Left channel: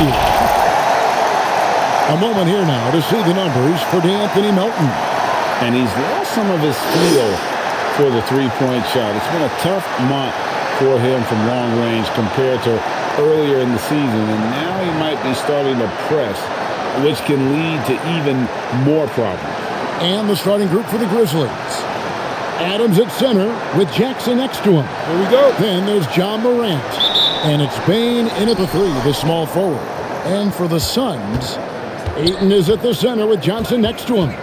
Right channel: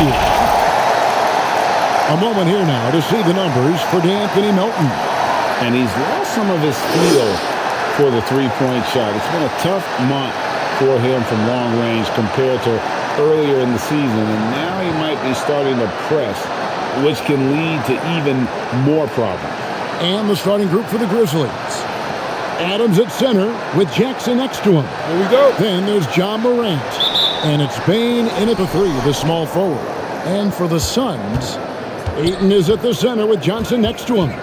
you. A moment here now to see the numbers for D'Anthony Melton. And he's lost some of his feel for the three-point shot. It's been a tough month for him from long range compared to earlier in the season. And now he might be starting to press, which can lead to even more problems. And the starting group for the Grizzlies. Adams at center with Jackson next to him. Here we go. Then there's John Morant. And it's Bane in at the three, the small forward. And for the Suns, Ayton is at the center with Johnson next to him.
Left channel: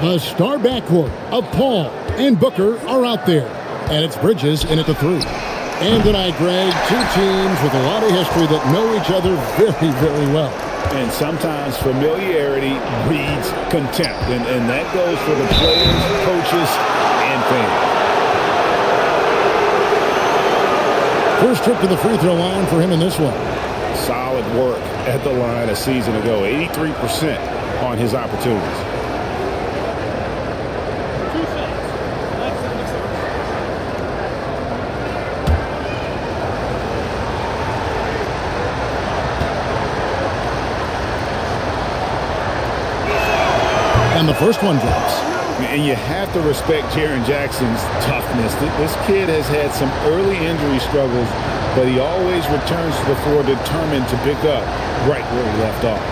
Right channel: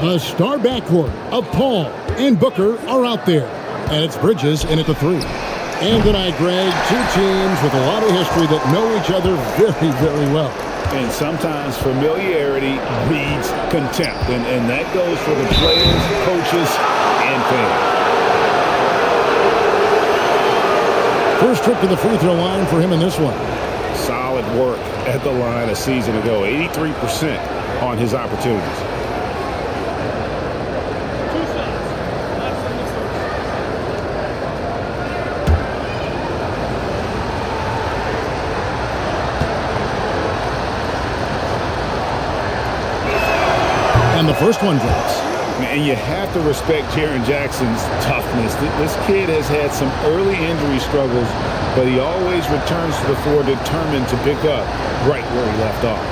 The star backcourt of Paul and Booker are out there. And it's Bridges in at the three. And tonight, Greg, two teams with a lot of history that know each other very, very well. And sometimes familiarity breeds contempt. And that goes for the players, coaches, and fans. First trip to the free throw line for him in this one. Solid work at the line a season ago. 83% on his opportunities. Two shots. Max on the first. And the first one drops. And you have to respect Jaren Jackson's toughness. This kid has had some early injury struggles, but he always returns to the floor determined to pick up right where he left off.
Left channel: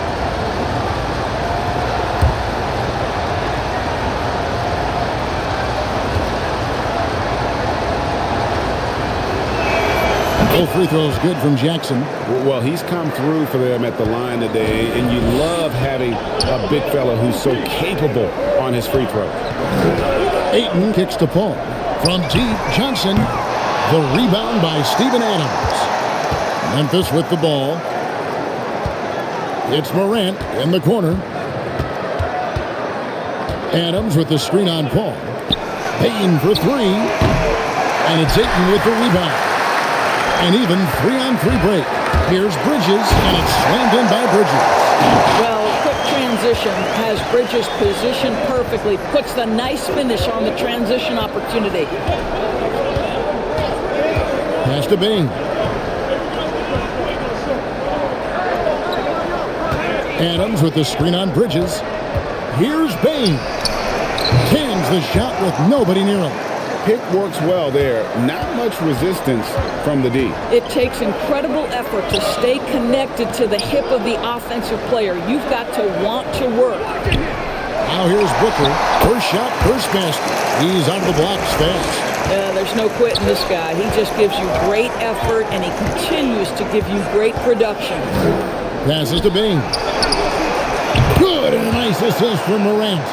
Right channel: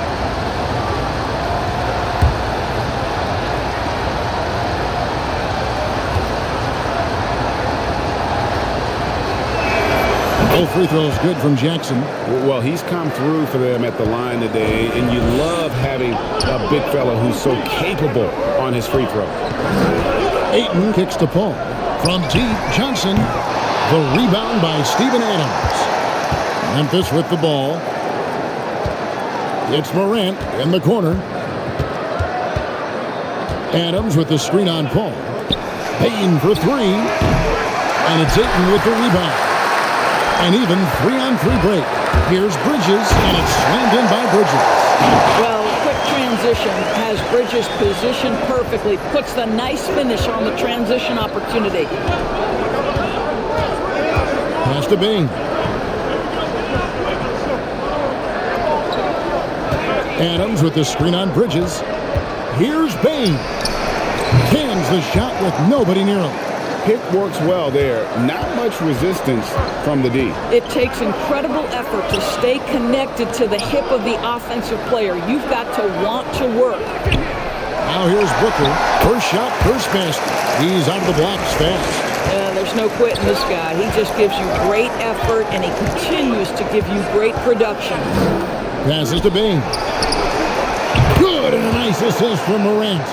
Both free throws good from Jackson. Well, he's come through for them at the line today, and you love having a big fella who's so capable on his free throw. Ayton kicks to Paul. From deep, Johnson. The rebound by Steven Adams. Memphis with the ball. It's Morant in the corner. Adams with the screen on Paul. Payne for three. And it's Ayton with the rebound. And even 3-on-3 break. Here's Bridges, and it's slammed in by Bridges. Well, quick transition has Bridges positioned perfectly. Puts the nice finish on the transition opportunity. Pass to Bane. Adams with the screen on Bridges. Here's Bane. Cans the shot with nobody near him. Pick works well there. Not much resistance from the D. It takes incredible effort to stay connected to the hip of the offensive player. You've got to want to work. Now here's Booker. First shot, first basket. He's out of the blocks fast. There's no quitting this guy. He just gives you great effort, and he continues to give you great production. Passes to Bane. Good, and a nice assist from Morant.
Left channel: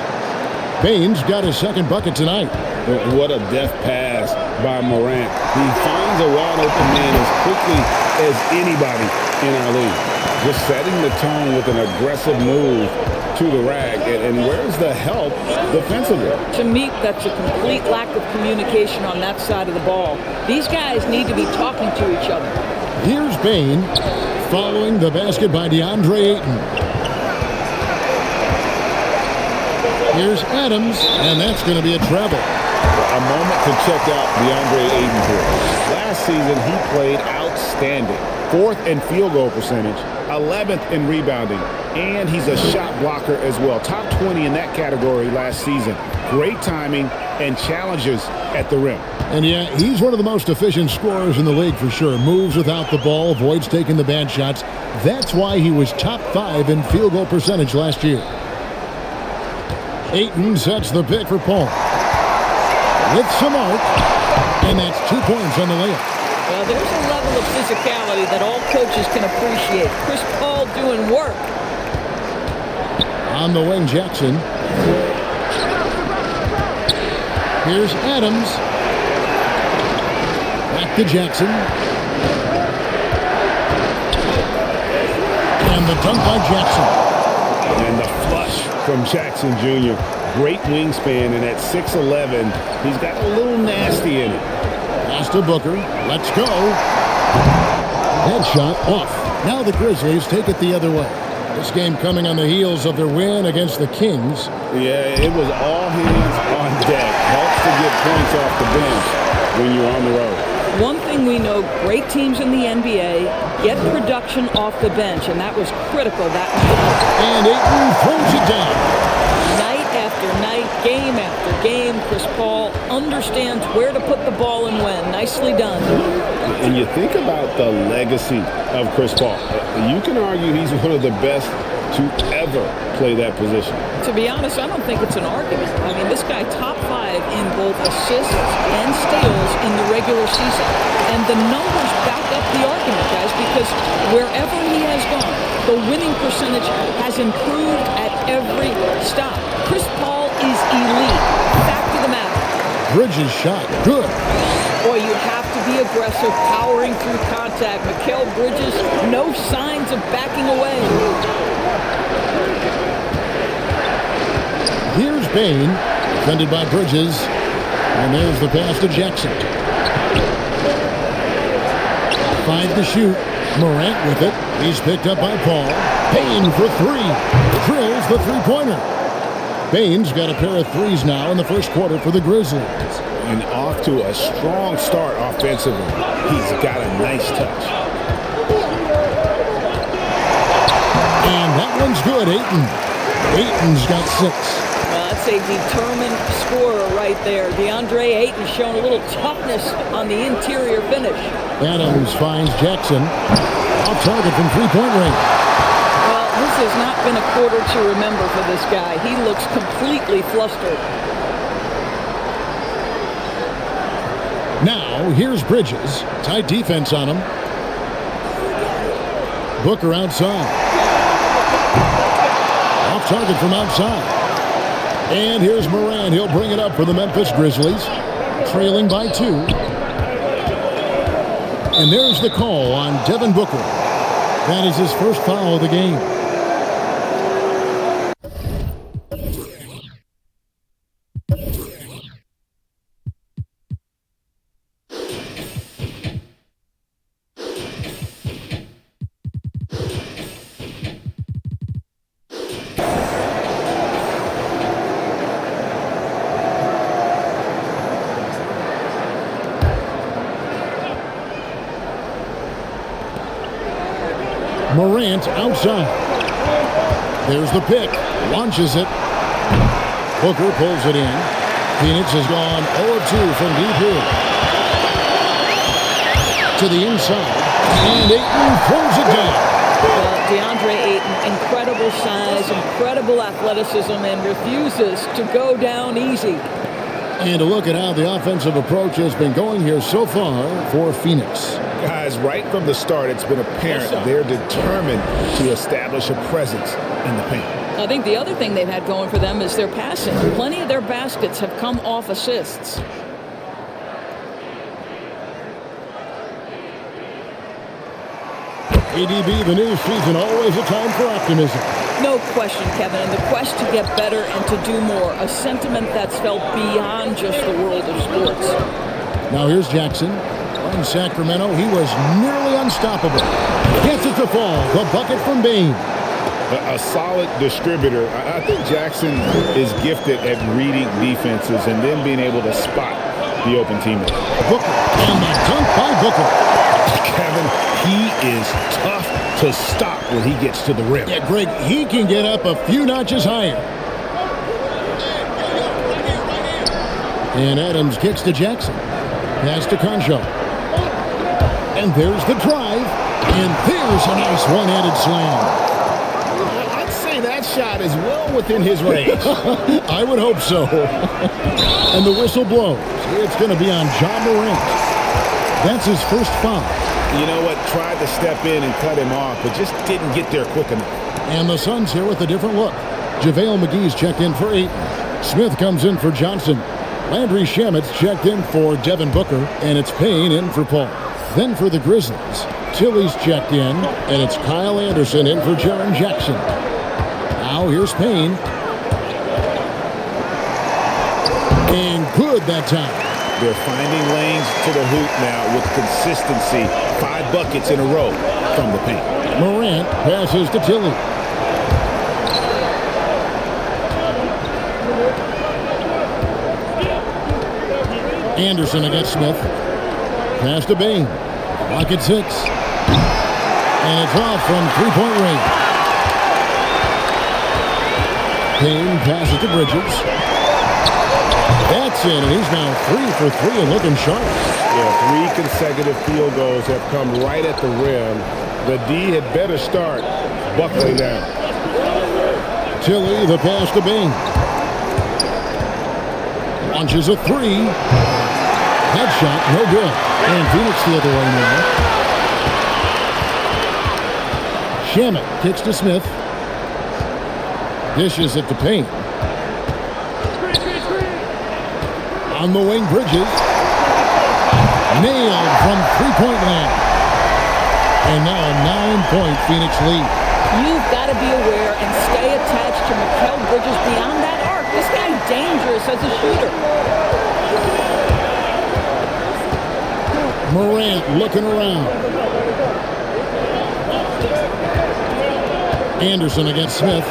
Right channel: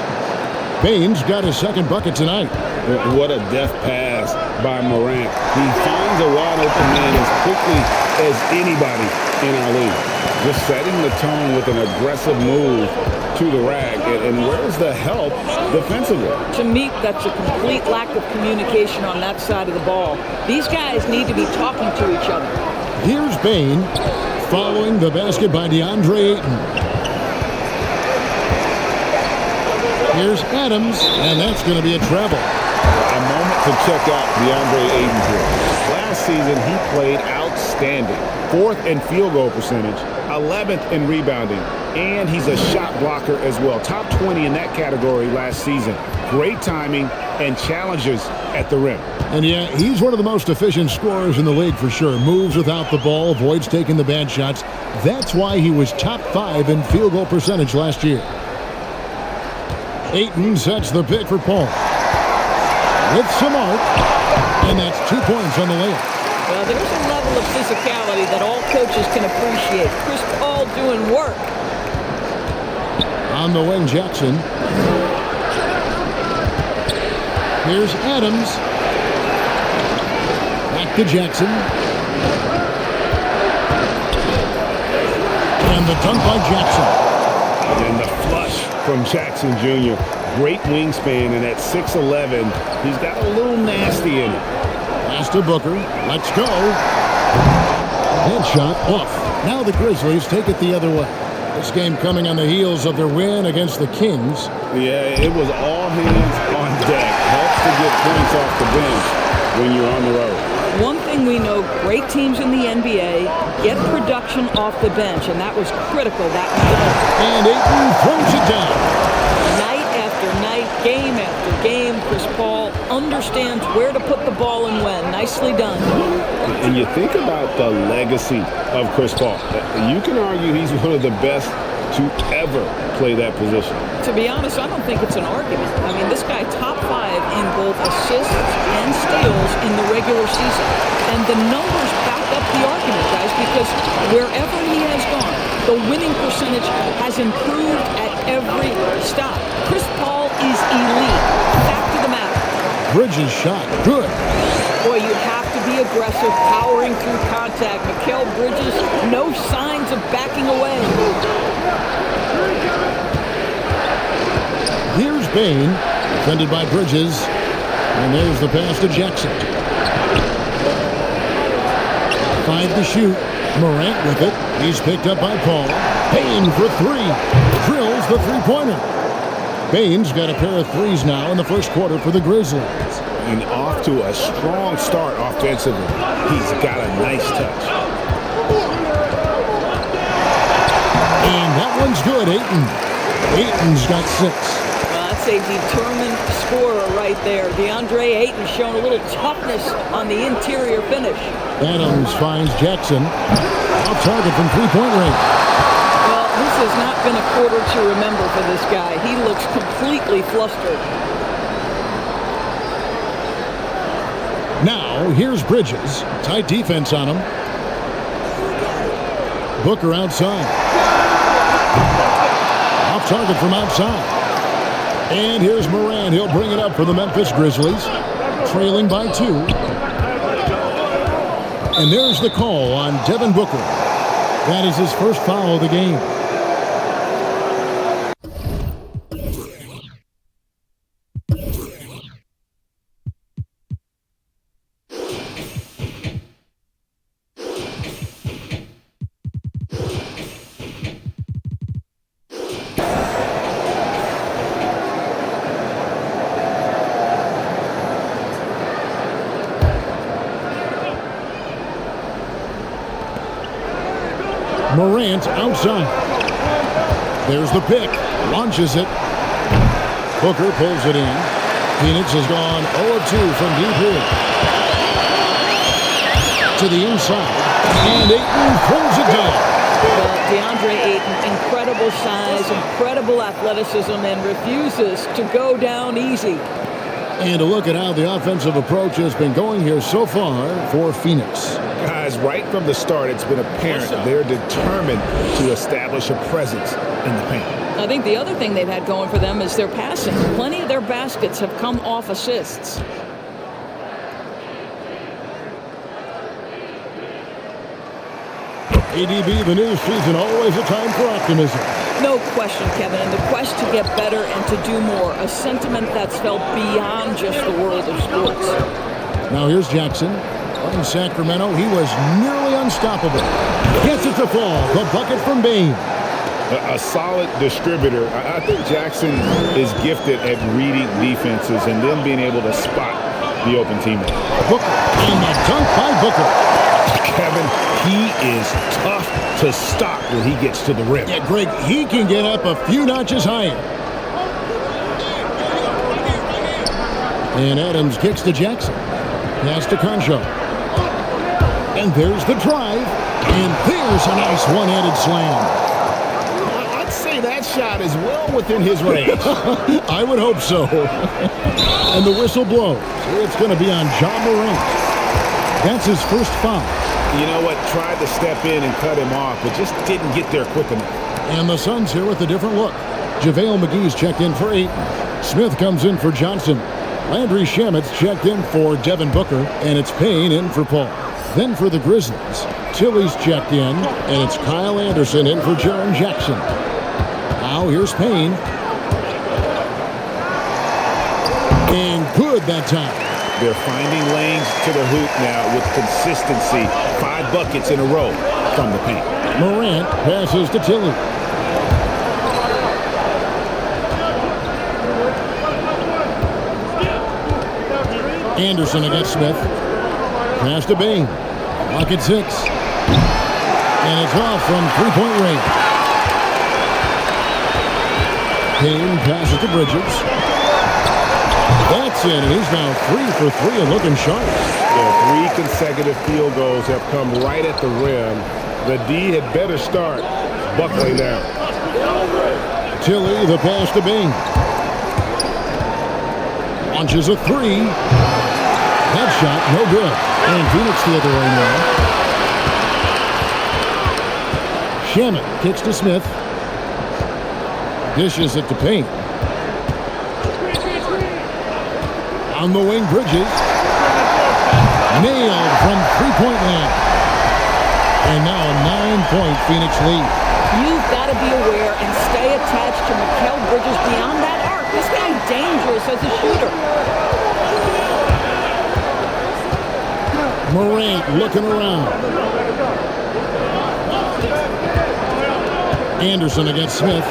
Bane's got his second bucket tonight. What a deft pass by Morant. He finds a wide-open man as quickly as anybody in our league. Just setting the tone with an aggressive move to the rack. And where's the help defensively? To me, that's a complete lack of communication on that side of the ball. These guys need to be talking to each other. Here's Bane following the basket by DeAndre Ayton. Here's Adams, and that's going to be a travel. A moment to check out DeAndre Ayton here. Last season, he played outstanding. 4th in field goal percentage, 11th in rebounding, and he's a shot blocker as well. Top 20 in that category last season. Great timing and challenges at the rim. And yeah, he's one of the most efficient scorers in the league for sure. Moves without the ball, avoids taking the bad shots. That's why he was top 5 in field goal percentage last year. Ayton sets the pick for Paul. With some arc, and that's 2 points on the layup. Well, there's a level of physicality that all coaches can appreciate. Chris Paul doing work. On the wing, Jackson. Here's Adams. Back to Jackson. And the dunk by Jackson. And the flush from Jackson Jr. Great wingspan, and at 6'11", he's got a little nasty in it. Pass to Booker. Let's go. That shot off. Now the Grizzlies take it the other way. This game coming on the heels of their win against the Kings. Yeah, it was all hands on deck. Helps to get points off the bench when you're on the road. One thing we know, great teams in the NBA get production off the bench, and that was critical that night. And Ayton throws it down. Night after night, game after game, Chris Paul understands where to put the ball and when. Nicely done. And you think about the legacy of Chris Paul. You can argue he's one of the best to ever play that position. To be honest, I don't think it's an argument. I mean, this guy top 5 in both assists and steals in the regular season. And the numbers back up the argument, guys, because wherever he has gone, the winning percentage has improved at every stop. Chris Paul is elite. Fact of the matter. Bridges shot. Good. Boy, you have to be aggressive, powering through contact. Mikal Bridges, no signs of backing away. Here's Bain, defended by Bridges. And there's the pass to Jackson. 5 to shoot. Morant with it. He's picked up by Paul. Bain for 3. Drills the three-pointer. Bain's got a pair of threes now in the first quarter for the Grizzlies. And off to a strong start offensively. He's got a nice touch. And that one's good, Ayton. Ayton's got 6. Well, that's a determined scorer right there. DeAndre Ayton showing a little toughness on the interior finish. Adams finds Jackson. Off target from three-point range. Well, this has not been a quarter to remember for this guy. He looks completely flustered. Now, here's Bridges. Tight defense on him. Booker outside. Off target from outside. And here's Morant. He'll bring it up for the Memphis Grizzlies. Trailing by 2. And there's the call on Devin Booker. That is his first foul of the game. Morant outside. There's the pick. Launches it. Booker pulls it in. Phoenix has gone 0 of 2 from deep here. To the inside. And Ayton throws it down. Well, DeAndre Ayton, incredible size, incredible athleticism, and refuses to go down easy. And a look at how the offensive approach has been going here so far for Phoenix. Guys, right from the start, it's been apparent they're determined to establish a presence in the paint. I think the other thing they've had going for them is their passing. Plenty of their baskets have come off assists. ADB, the new season, always a time for optimism. No question, Kevin, and the quest to get better and to do more, a sentiment that's felt beyond just the world of sports. Now here's Jackson. Playing Sacramento, he was nearly unstoppable. Gets it to fall. The bucket from Bain. A solid distributor. I think Jackson is gifted at reading defenses and then being able to spot the open teammate. Booker, and the dunk by Booker. Kevin, he is tough to stop when he gets to the rim. Yeah, Greg, he can get up a few notches higher. And Adams kicks to Jackson. Pass to Concho. And there's the drive. And there's a nice one-handed slam. I'd say that shot is well within his range. I would hope so. And the whistle blows. It's going to be on Ja Morant. That's his first foul. You know what? Tried to step in and cut him off, but just didn't get there quick enough. And the Suns here with a different look. JaVale McGee's checked in for Ayton. Smith comes in for Johnson. Landry Shamet's checked in for Devin Booker. And it's Payne in for Paul. Then for the Grizzlies, Tilly's checked in. And it's Kyle Anderson in for Jaren Jackson. Now here's Payne. And good that time. They're finding lanes to the hoop now with consistency. 5 buckets in a row from the paint. Morant passes to Tilly. Anderson against Smith. Pass to Bain. Clock at 6. And it's off from three-point range. Bain passes to Bridges. That's in, and he's now 3 for 3 and looking sharp. Yeah, 3 consecutive field goals have come right at the rim. The D had better start buckling down. Tilly, the pass to Bain. Launches a 3. That shot, no good. And Phoenix the other way now. Shamet kicks to Smith. Dishes it to Payne. On the wing, Bridges. Nailed from three-point land. And now a 9-point Phoenix lead. You've got to be aware and stay attached to Mikal Bridges beyond that arc. This guy's dangerous as a shooter. Morant looking around. Anderson against Smith.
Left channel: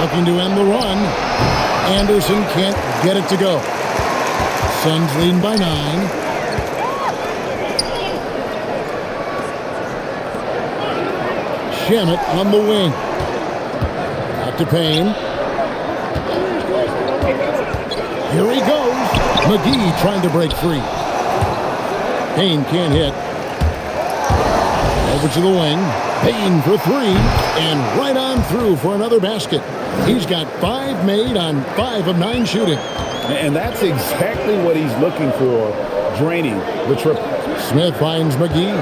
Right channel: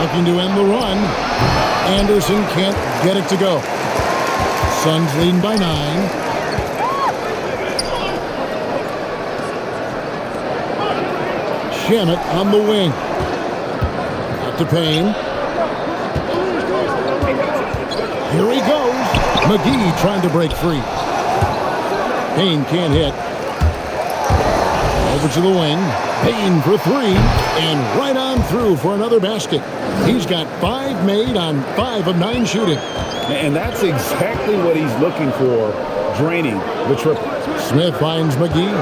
Looking to end the run. Anderson can't get it to go. Suns leading by 9. Shamet on the wing. Back to Payne. Here he goes. McGee trying to break free. Payne can't hit. Over to the wing. Payne for 3. And right on through for another basket. He's got 5 made on 5 of 9 shooting. And that's exactly what he's looking for, draining the triple. Smith finds McGee.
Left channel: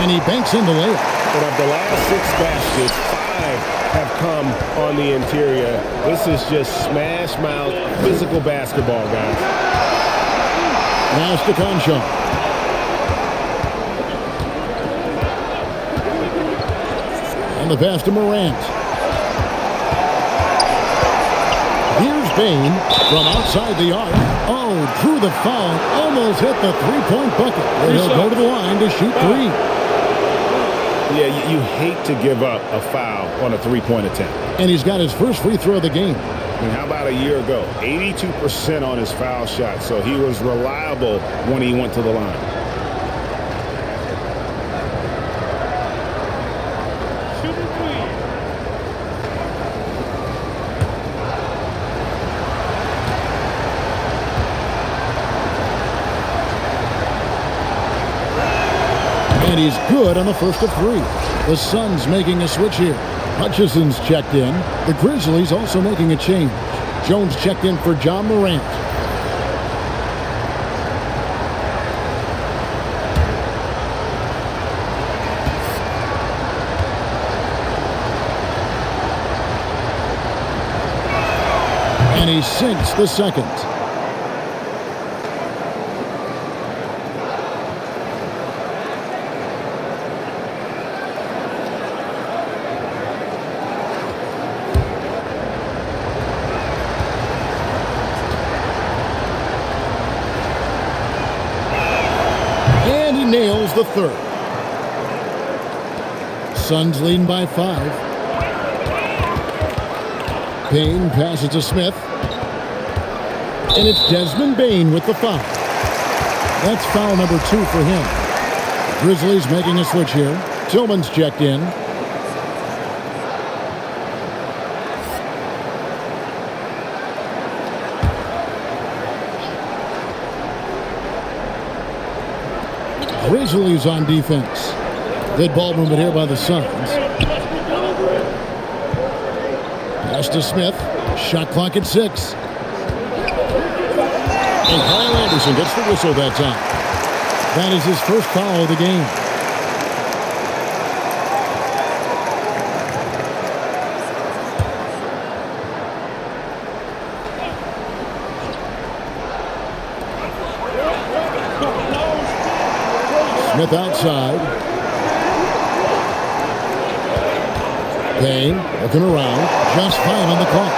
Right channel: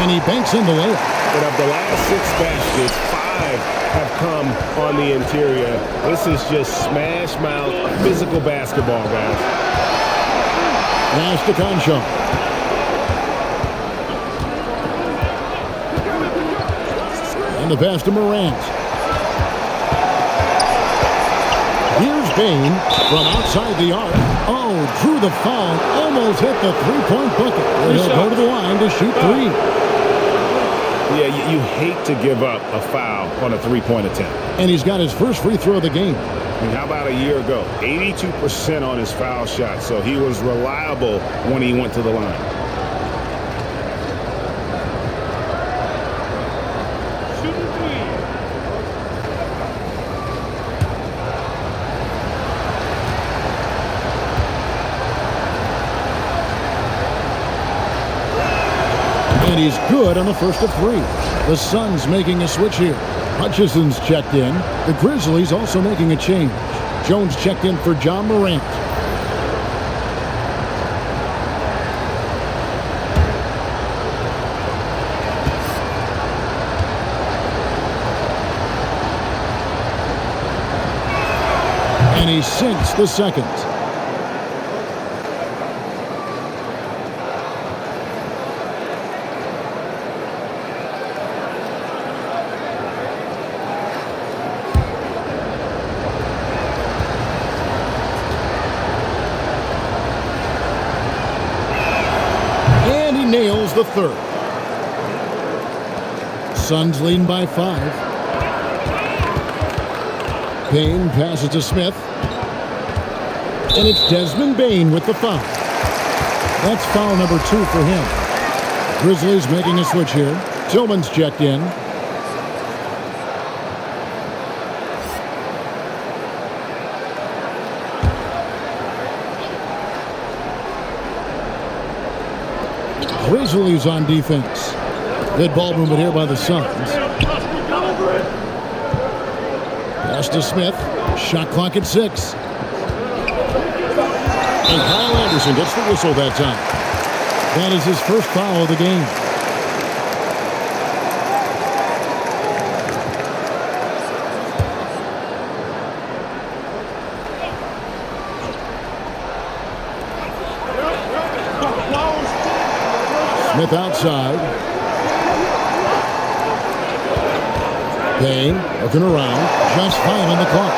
And he banks in the layup. And of the last 6 baskets, 5 have come on the interior. This is just smash mouth physical basketball, guys. Pass to Concho. And the pass to Morant. Here's Bain from outside the arc. Oh, drew the foul. Almost hit the three-point bucket. And he'll go to the line to shoot 3. Yeah, you hate to give up a foul on a three-point attempt. And he's got his first free throw of the game. And how about a year ago? 82% on his foul shot, so he was reliable when he went to the line. Shooting 3. And he's good on the first of 3. The Suns making a switch here. Hutchison's checked in. The Grizzlies also making a change. Jones checked in for John Morant. And he sinks the second. And he nails the third. Suns leading by 5. Payne passes to Smith. And it's Desmond Bain with the foul. That's foul number 2 for him. Grizzlies making a switch here. Tillman's checked in. Grizzlies on defense. Good ball movement here by the Suns. Pass to Smith. Shot clock at 6. And Kyle Anderson gets the whistle that time. That is his first foul of the game. Smith outside. Payne looking around. Just 5 on the clock.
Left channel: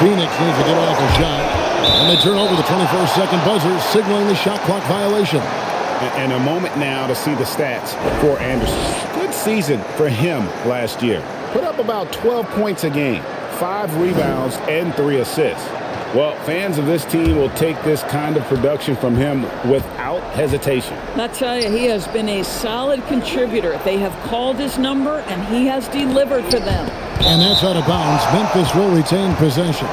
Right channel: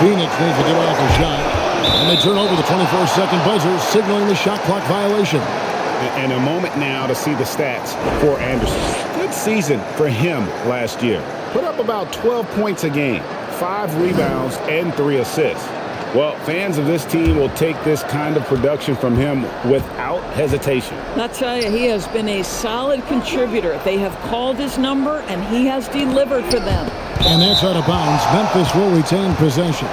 Phoenix needs to get off a shot. And they turn over the 24-second buzzer, signaling the shot clock violation. And a moment now to see the stats for Anderson. Good season for him last year. Put up about 12 points a game, 5 rebounds, and 3 assists. Well, fans of this team will take this kind of production from him without hesitation. I tell you, he has been a solid contributor. They have called his number, and he has delivered for them. And that's out of bounds. Memphis will retain possession.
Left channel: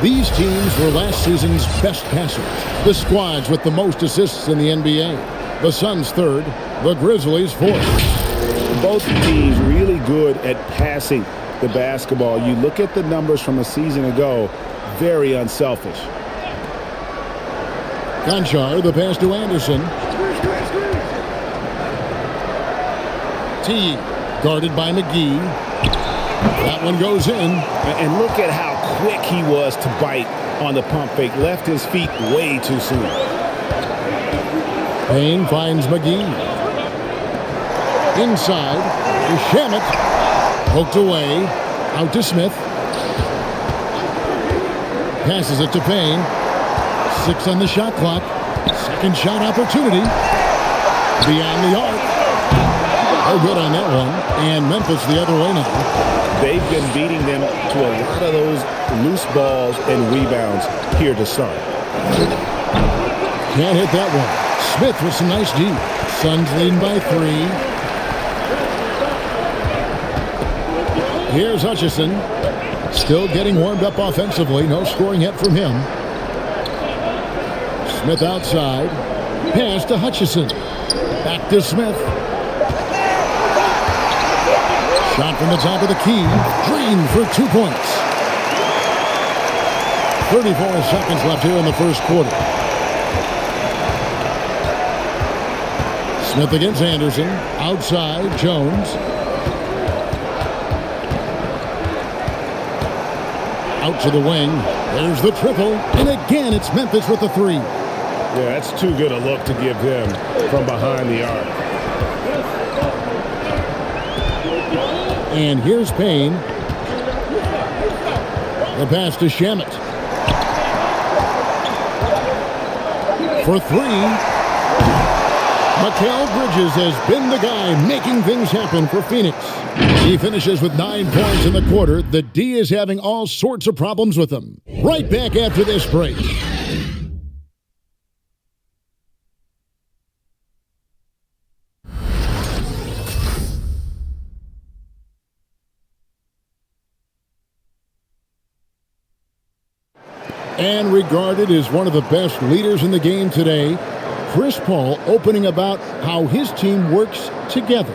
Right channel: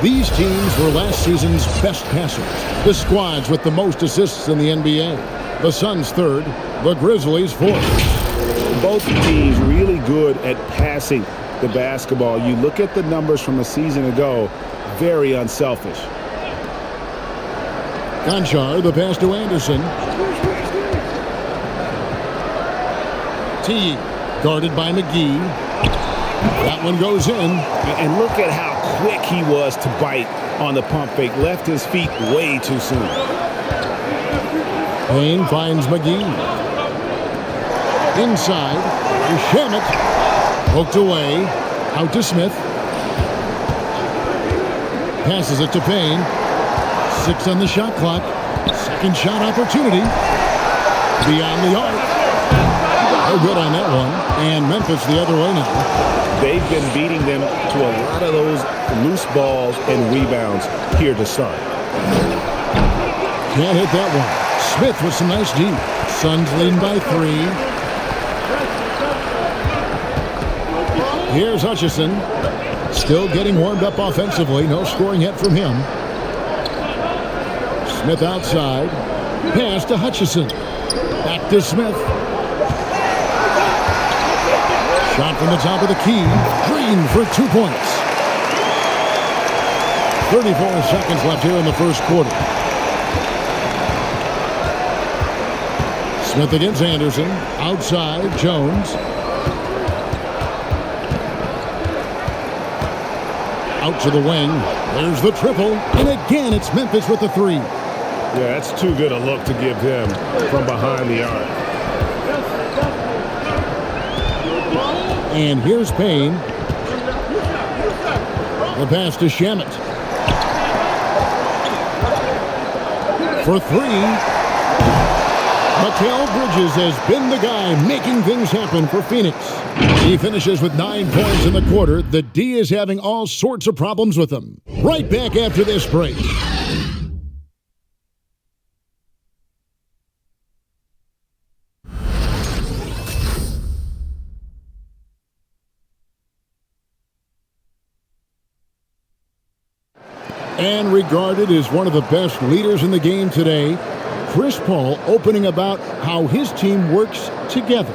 These teams were last season's best passers. The squads with the most assists in the NBA. The Suns third, the Grizzlies fourth. Both teams really good at passing the basketball. You look at the numbers from a season ago, very unselfish. Conchar, the pass to Anderson. T, guarded by McGee. That one goes in. And look at how quick he was to bite on the pump fake. Left his feet way too soon. Payne finds McGee. Inside to Shamet. Poked away. Out to Smith. Passes it to Payne. 6 on the shot clock. Second shot opportunity. Beyond the arc. No good on that one. And Memphis the other way now. They've been beating them to a lot of those loose balls and rebounds here to start. Can't hit that one. Smith with some nice D. Suns leading by 3. Here's Hutchison. Still getting warmed up offensively. No scoring yet from him. Smith outside. Pass to Hutchison. Back to Smith. Shot from the top of the key. Green for 2 points. 34 seconds left here in the first quarter. Smith against Anderson. Outside, Jones. Out to the wing. There's the triple. And again, it's Memphis with the 3. Yeah, that's too good a look to give him from behind the arc. And here's Payne. The pass to Shamet. For 3. Mikal Bridges has been the guy making things happen for Phoenix. He finishes with 9 points in the quarter. The D is having all sorts of problems with him. Right back after this break. And regarded as one of the best leaders in the game today, Chris Paul opening about how his team works together.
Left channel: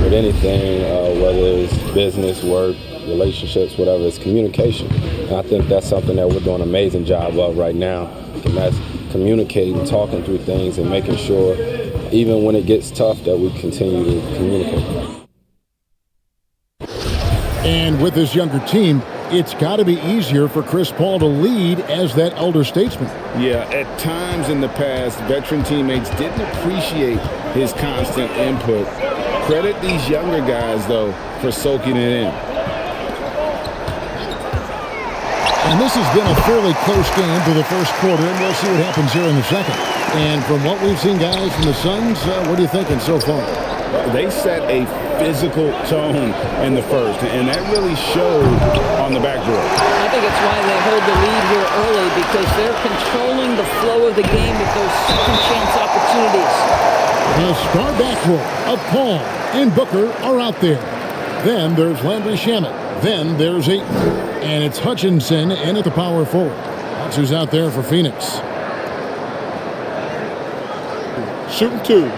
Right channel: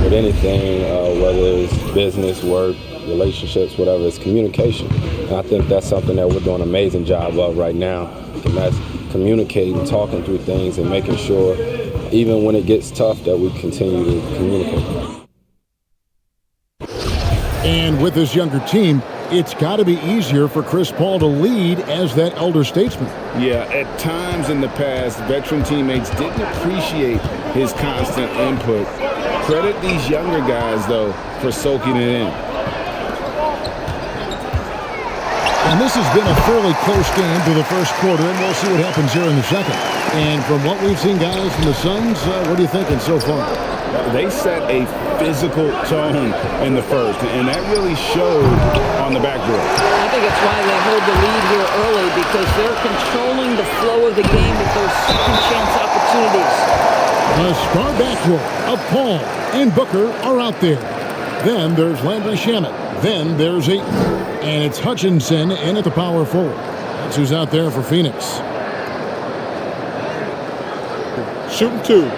With anything, whether it's business, work, relationships, whatever, it's communication. And I think that's something that we're doing an amazing job of right now. And that's communicating, talking through things, and making sure, even when it gets tough, that we continue to communicate. And with this younger team, it's got to be easier for Chris Paul to lead as that elder statesman. Yeah, at times in the past, veteran teammates didn't appreciate his constant input. Credit these younger guys, though, for soaking it in. And this has been a fairly close game through the first quarter, and we'll see what happens here in the second. And from what we've seen, guys, from the Suns, what are you thinking so far? They set a physical tone in the first, and that really showed on the backboard. I think it's why they hold the lead here early, because they're controlling the flow of the game with those second chance opportunities. The star backcourt of Paul and Booker are out there. Then there's Landry Shamet. Then there's Ayton. And it's Hutchinson in at the power forward. That's who's out there for Phoenix. Shooting 2.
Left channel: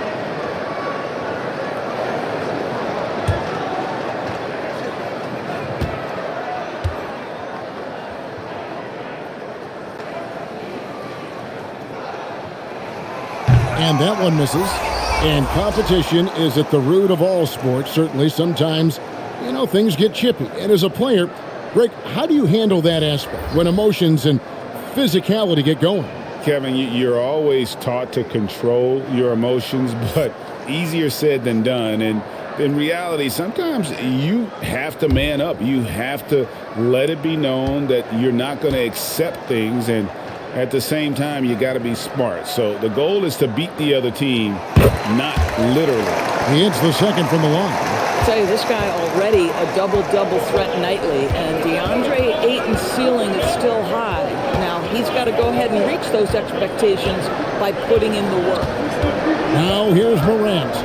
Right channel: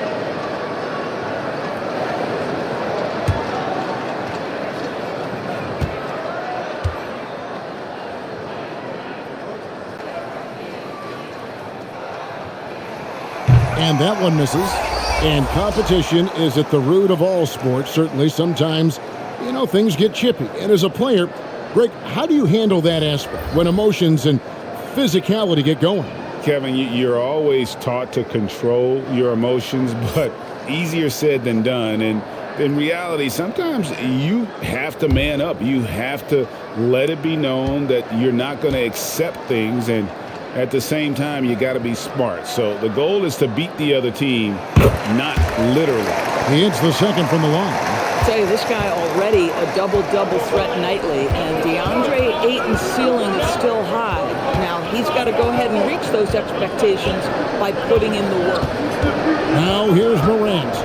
And that one misses. And competition is at the root of all sports. Certainly, sometimes, things get chippy. And as a player, Greg, how do you handle that aspect when emotions and physicality get going? Kevin, you're always taught to control your emotions, but easier said than done. And in reality, sometimes you have to man up. You have to let it be known that you're not going to accept things, and at the same time, you got to be smart. So the goal is to beat the other team, not literally. He hits the second from the line. I'll tell you, this guy already a double-double threat nightly, and DeAndre Ayton's ceiling is still high. Now, he's got to go ahead and reach those expectations by putting in the work. Now here's Morant.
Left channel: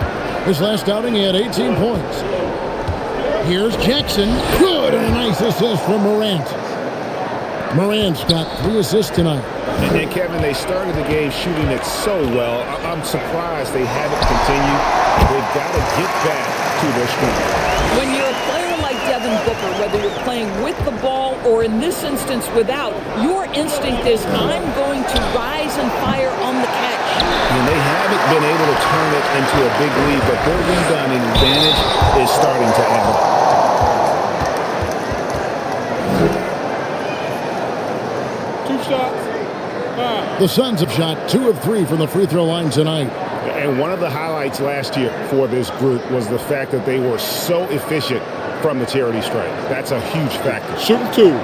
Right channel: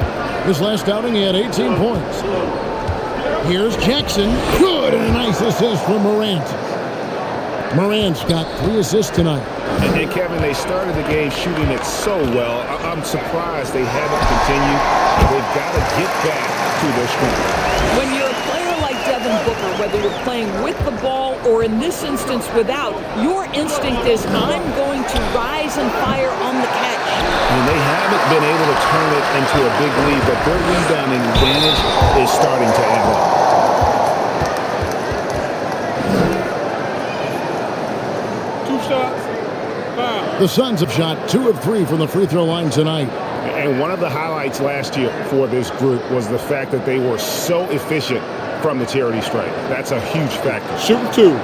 His last outing, he had 18 points. Here's Jackson. Good, and a nice assist from Morant. Morant's got 3 assists tonight. And Kevin, they started the game shooting it so well. I'm surprised they haven't continued. They've got to get back to their strength. When you're a player like Devin Booker, whether you're playing with the ball or in this instance without, your instinct is, I'm going to rise and fire on the catch. And they haven't been able to turn it into a big lead, but their rebounding advantage is starting to add up. Two shots. Foul. The Suns have shot 2 of 3 from the free throw line tonight. And one of the highlights last year for this group was the fact that they were so efficient from the charity stripe. That's a huge factor. Shooting 2.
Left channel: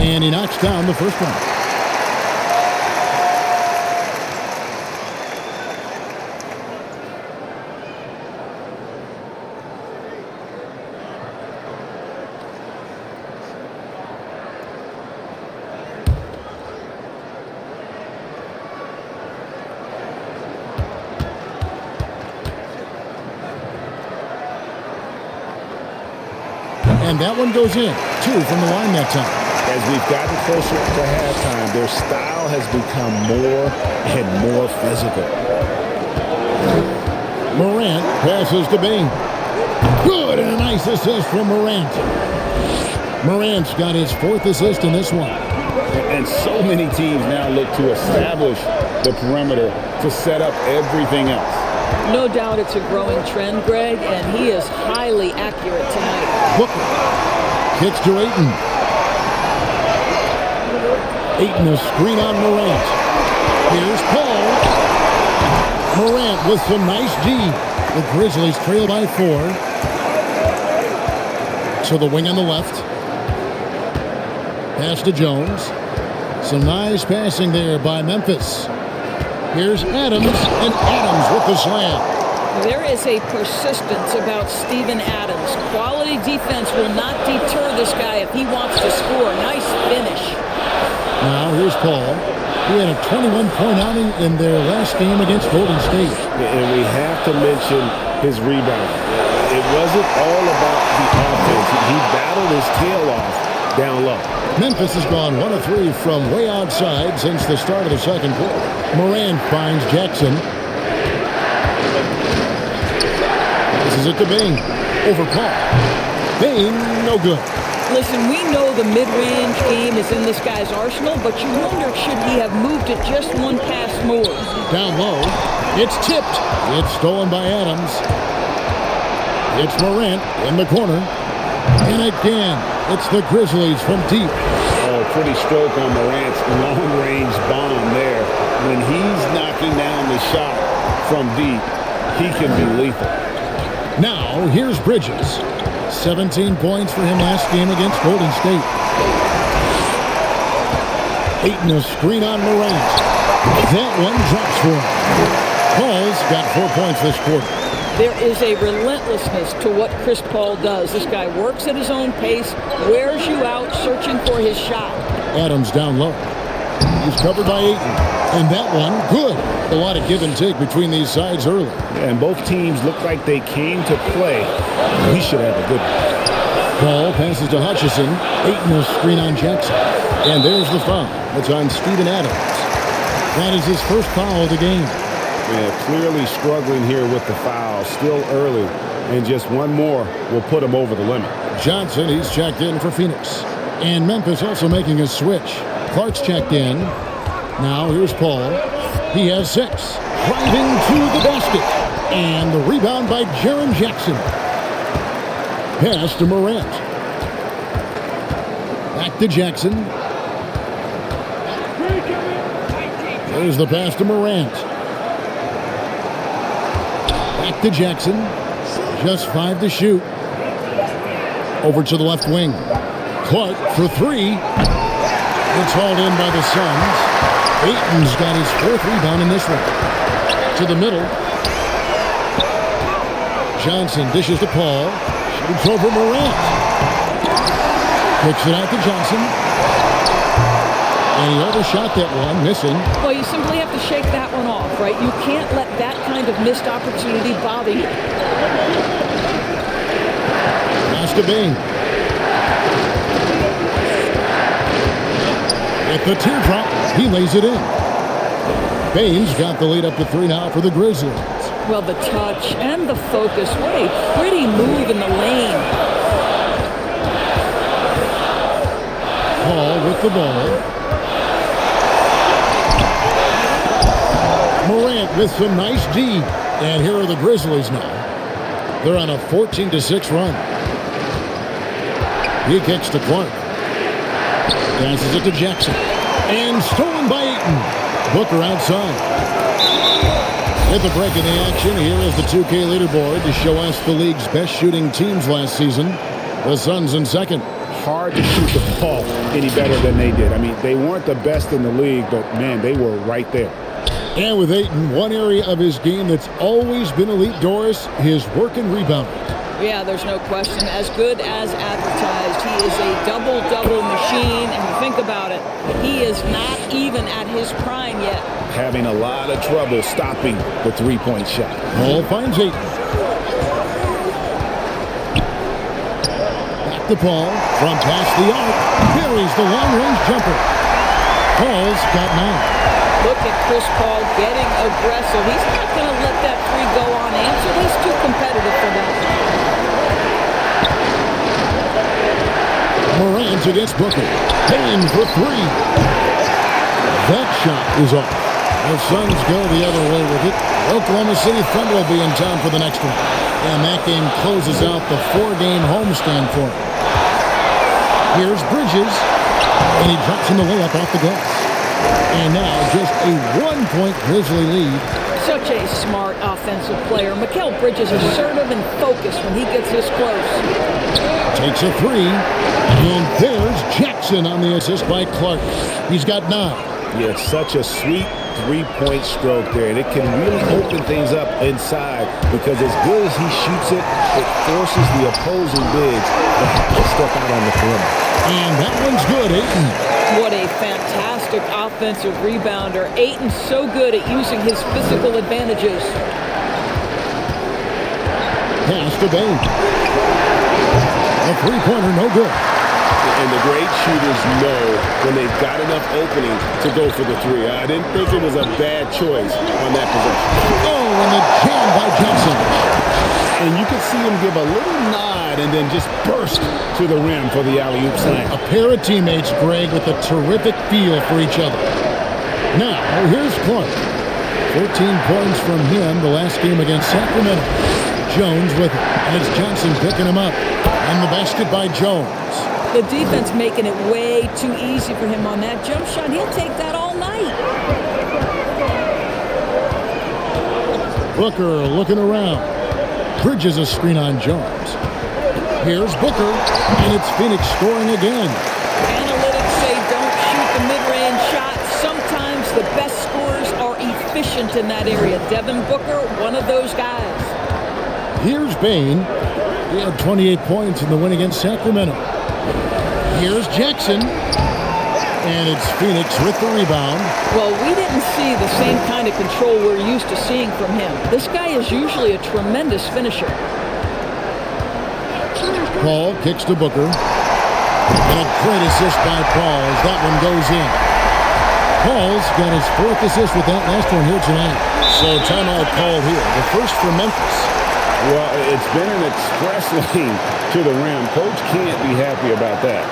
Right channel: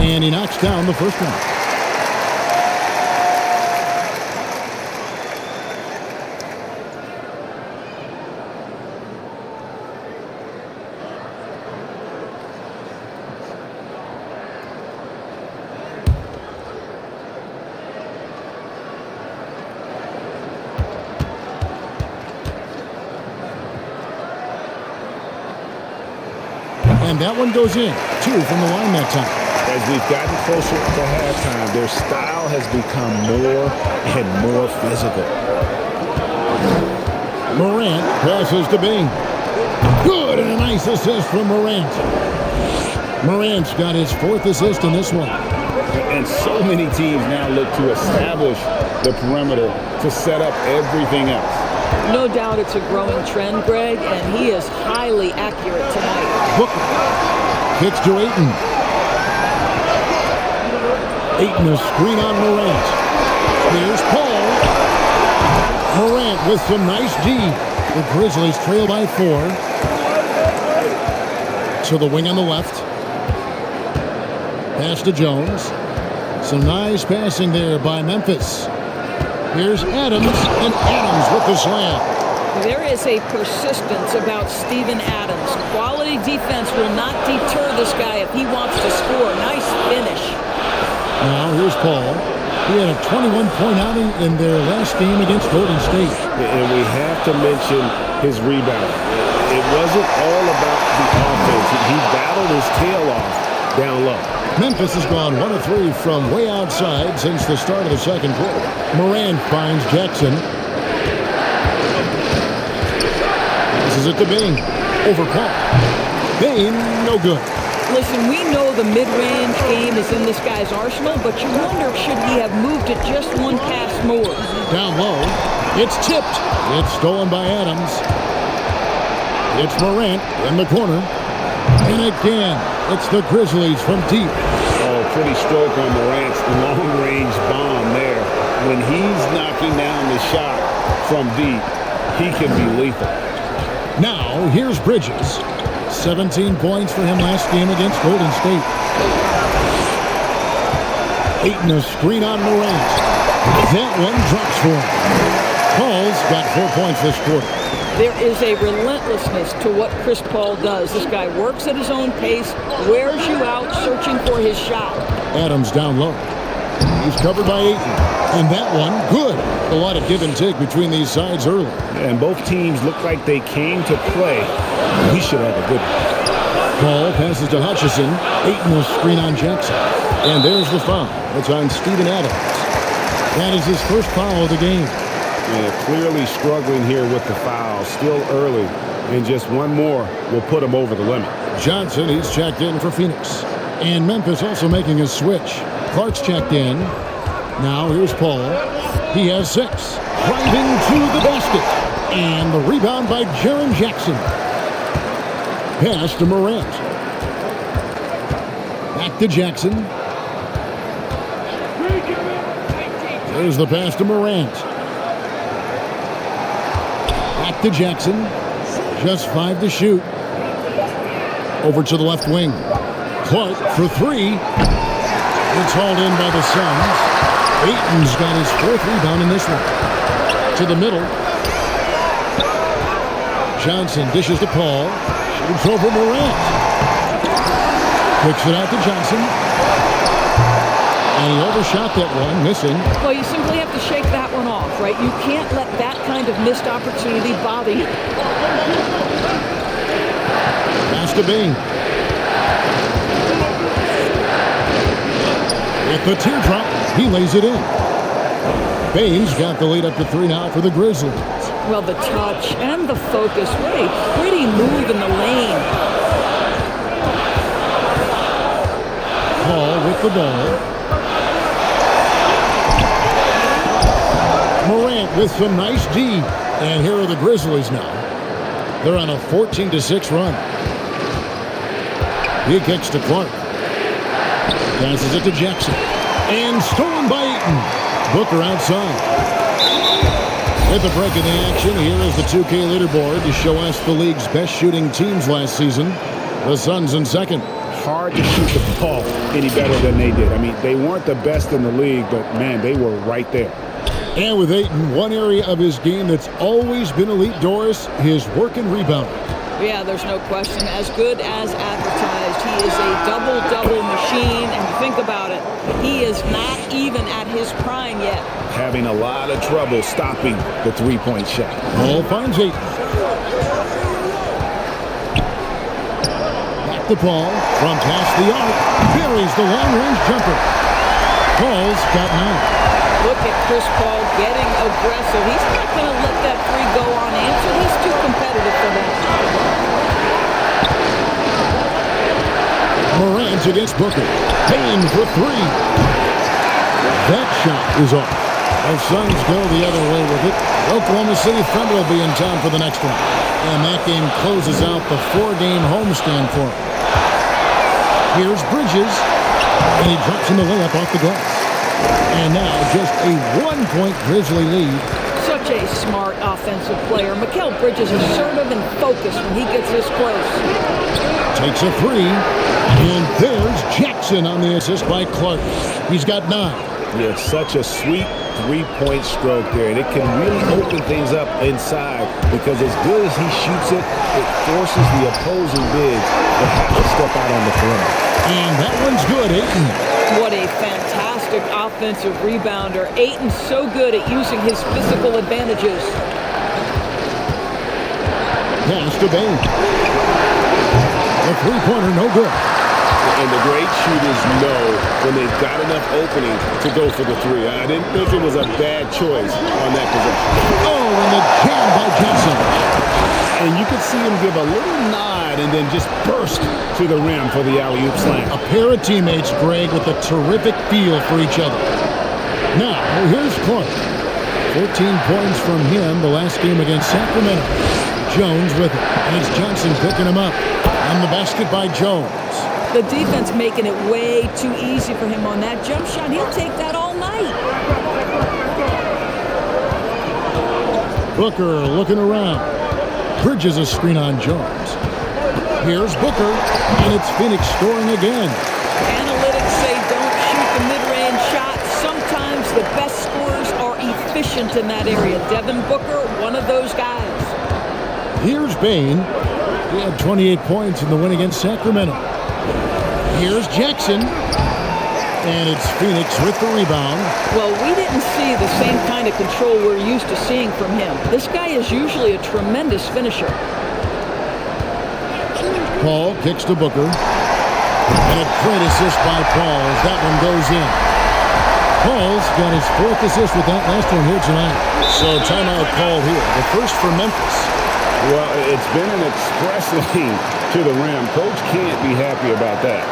And he knocks down the first one. And that one goes in. 2 from the line that time. As we've gotten closer to halftime, their style has become more and more physical. Morant passes to Bing. Good, and a nice assist from Morant. Morant's got his 4th assist in this one. And so many teams now look to establish the perimeter to set up everything else. No doubt it's a growing trend, Greg, and he is highly accurate tonight. Booker kicks to Ayton. Ayton a screen on Morant. Here's Paul. Morant with some nice D. The Grizzlies trail by 4. To the wing on the left. Pass to Jones. Some nice passing there by Memphis. Here's Adams, and Adams with the slam. There is a persistence about Steven Adams. Quality defense will not deter this guy if he wants to score. Nice finish. Now here's Paul. He had a 21-point outing in their last game against Golden State. And we have to mention his rebound. It wasn't all about the offense. He battled his tail off down low. Memphis has gone 1 of 3 from way outside since the start of the second quarter. Morant finds Jackson. Passes it to Bing. Over Paul. Bing, no good. Listen, we know the mid-range game is in this guy's arsenal, but you wonder, should he have moved it just one pass more? Down low. It's tipped. It's stolen by Adams. It's Morant in the corner. And again, it's the Grizzlies from deep. Oh, pretty stroke on Morant's long-range bomb there. When he's knocking down the shot from deep, he can be lethal. Now, here's Bridges. 17 points for him last game against Golden State. Ayton a screen on Morant. That one drops for him. Paul's got 4 points this quarter. There is a relentlessness to what Chris Paul does. This guy works at his own pace, wears you out, searching for his shot. Adams down low. He's covered by Ayton. And that one, good. A lot of give and take between these sides early. Yeah, and both teams look like they came to play. We should have a good one. Paul passes to Hutchison. Ayton a screen on Jackson. And there's the foul. It's on Steven Adams. That is his first foul of the game. Yeah, clearly struggling here with the foul. Still early. And just one more will put him over the limit. Johnson, he's checked in for Phoenix. And Memphis also making a switch. Clark's checked in. Now here's Paul. He has 6. Driving to the basket. And the rebound by Jaren Jackson. Pass to Morant. Back to Jackson. There's the pass to Morant. Back to Jackson. Just 5 to shoot. Over to the left wing. Clark for three. It's hauled in by the Suns. Ayton's got his fourth rebound in this one. To the middle. Johnson dishes to Paul. Shoots over Morant. Kicks it out to Johnson. And he overshot that one, missing. Well, you simply have to shake that one off, right? You can't let that kind of missed opportunity bother you. Pass to Bing. With the teardrop, he lays it in. Bain's got the lead up to 3 now for the Grizzlies. Well, the touch and the focus. What a pretty move in the lane. Paul with the ball. Morant with some nice D. And here are the Grizzlies now. They're on a 14-6 run. He kicks to Clark. Passes it to Jackson. And stolen by Ayton. Booker outside. With the break in the action, here is the 2K leaderboard to show us the league's best shooting teams last season. The Suns in second. Hard to shoot the ball any better than they did. I mean, they weren't the best in the league, but, man, they were right there. And with Ayton, one area of his game that's always been elite, Doris, his work and rebounding. Yeah, there's no question. As good as advertised, he is a double-double machine. And think about it, he is not even at his prime yet. Having a lot of trouble stopping the three-point shot. Paul finds Ayton. Back to Paul from past the arc. Buries the long-range jumper. Paul's got 9. Look at Chris Paul getting aggressive. He's not going to let that three go unanswered. He's too competitive for that. Morant against Booker. Payne for 3. That shot is off. The Suns go the other way with it. Oklahoma City Thunder will be in town for the next one. And that game closes out the 4-game homestand for him. Here's Bridges. And he drops in the layup off the glass. And now just a 1-point Grizzly lead. Such a smart offensive player. Mikal Bridges assertive and focused when he gets this close. Takes a 3. And there's Jackson on the assist by Clark. He's got 9. Yeah, such a sweet three-point stroke there. And it can really open things up inside because as good as he shoots it, it forces the opposing bigs to have to step out on the perimeter. And that one's good, Ayton. What a fantastic offensive rebounder. Ayton's so good at using his physical advantages. Pass to Bane. The three-pointer, no good. And the great shooters know when they've got enough opening to go for the three. I didn't think it was a bad choice on that possession. Oh, and the jam by Johnson. And you could see him give a little nod and then just burst to the rim for the alley-oop slam. A pair of teammates, Greg, with a terrific feel for each other. Now, here's Clark. 14 points from him the last game against Sacramento. Jones with it, and it's Johnson picking him up. On the basket by Jones. The defense making it way too easy for him on that jump shot. He'll take that all night. Booker looking around. Bridges a screen on Jones. Here's Booker, and it's Phoenix scoring again. Analytics say don't shoot the mid-range shot. Sometimes the best scorers are efficient in that area. Devin Booker, one of those guys. Here's Bane. He had 28 points in the win against Sacramento. Here's Jackson. And it's Phoenix with the rebound. Well, we didn't see the same kind of control we're used to seeing from him. This guy is usually a tremendous finisher. Paul kicks to Booker. And a great assist by Paul as that one goes in. Paul's got his 4th assist with that last one here tonight. So timeout called here. The first for Memphis. Well, it's been an express lane to the rim. Coach can't be happy about that.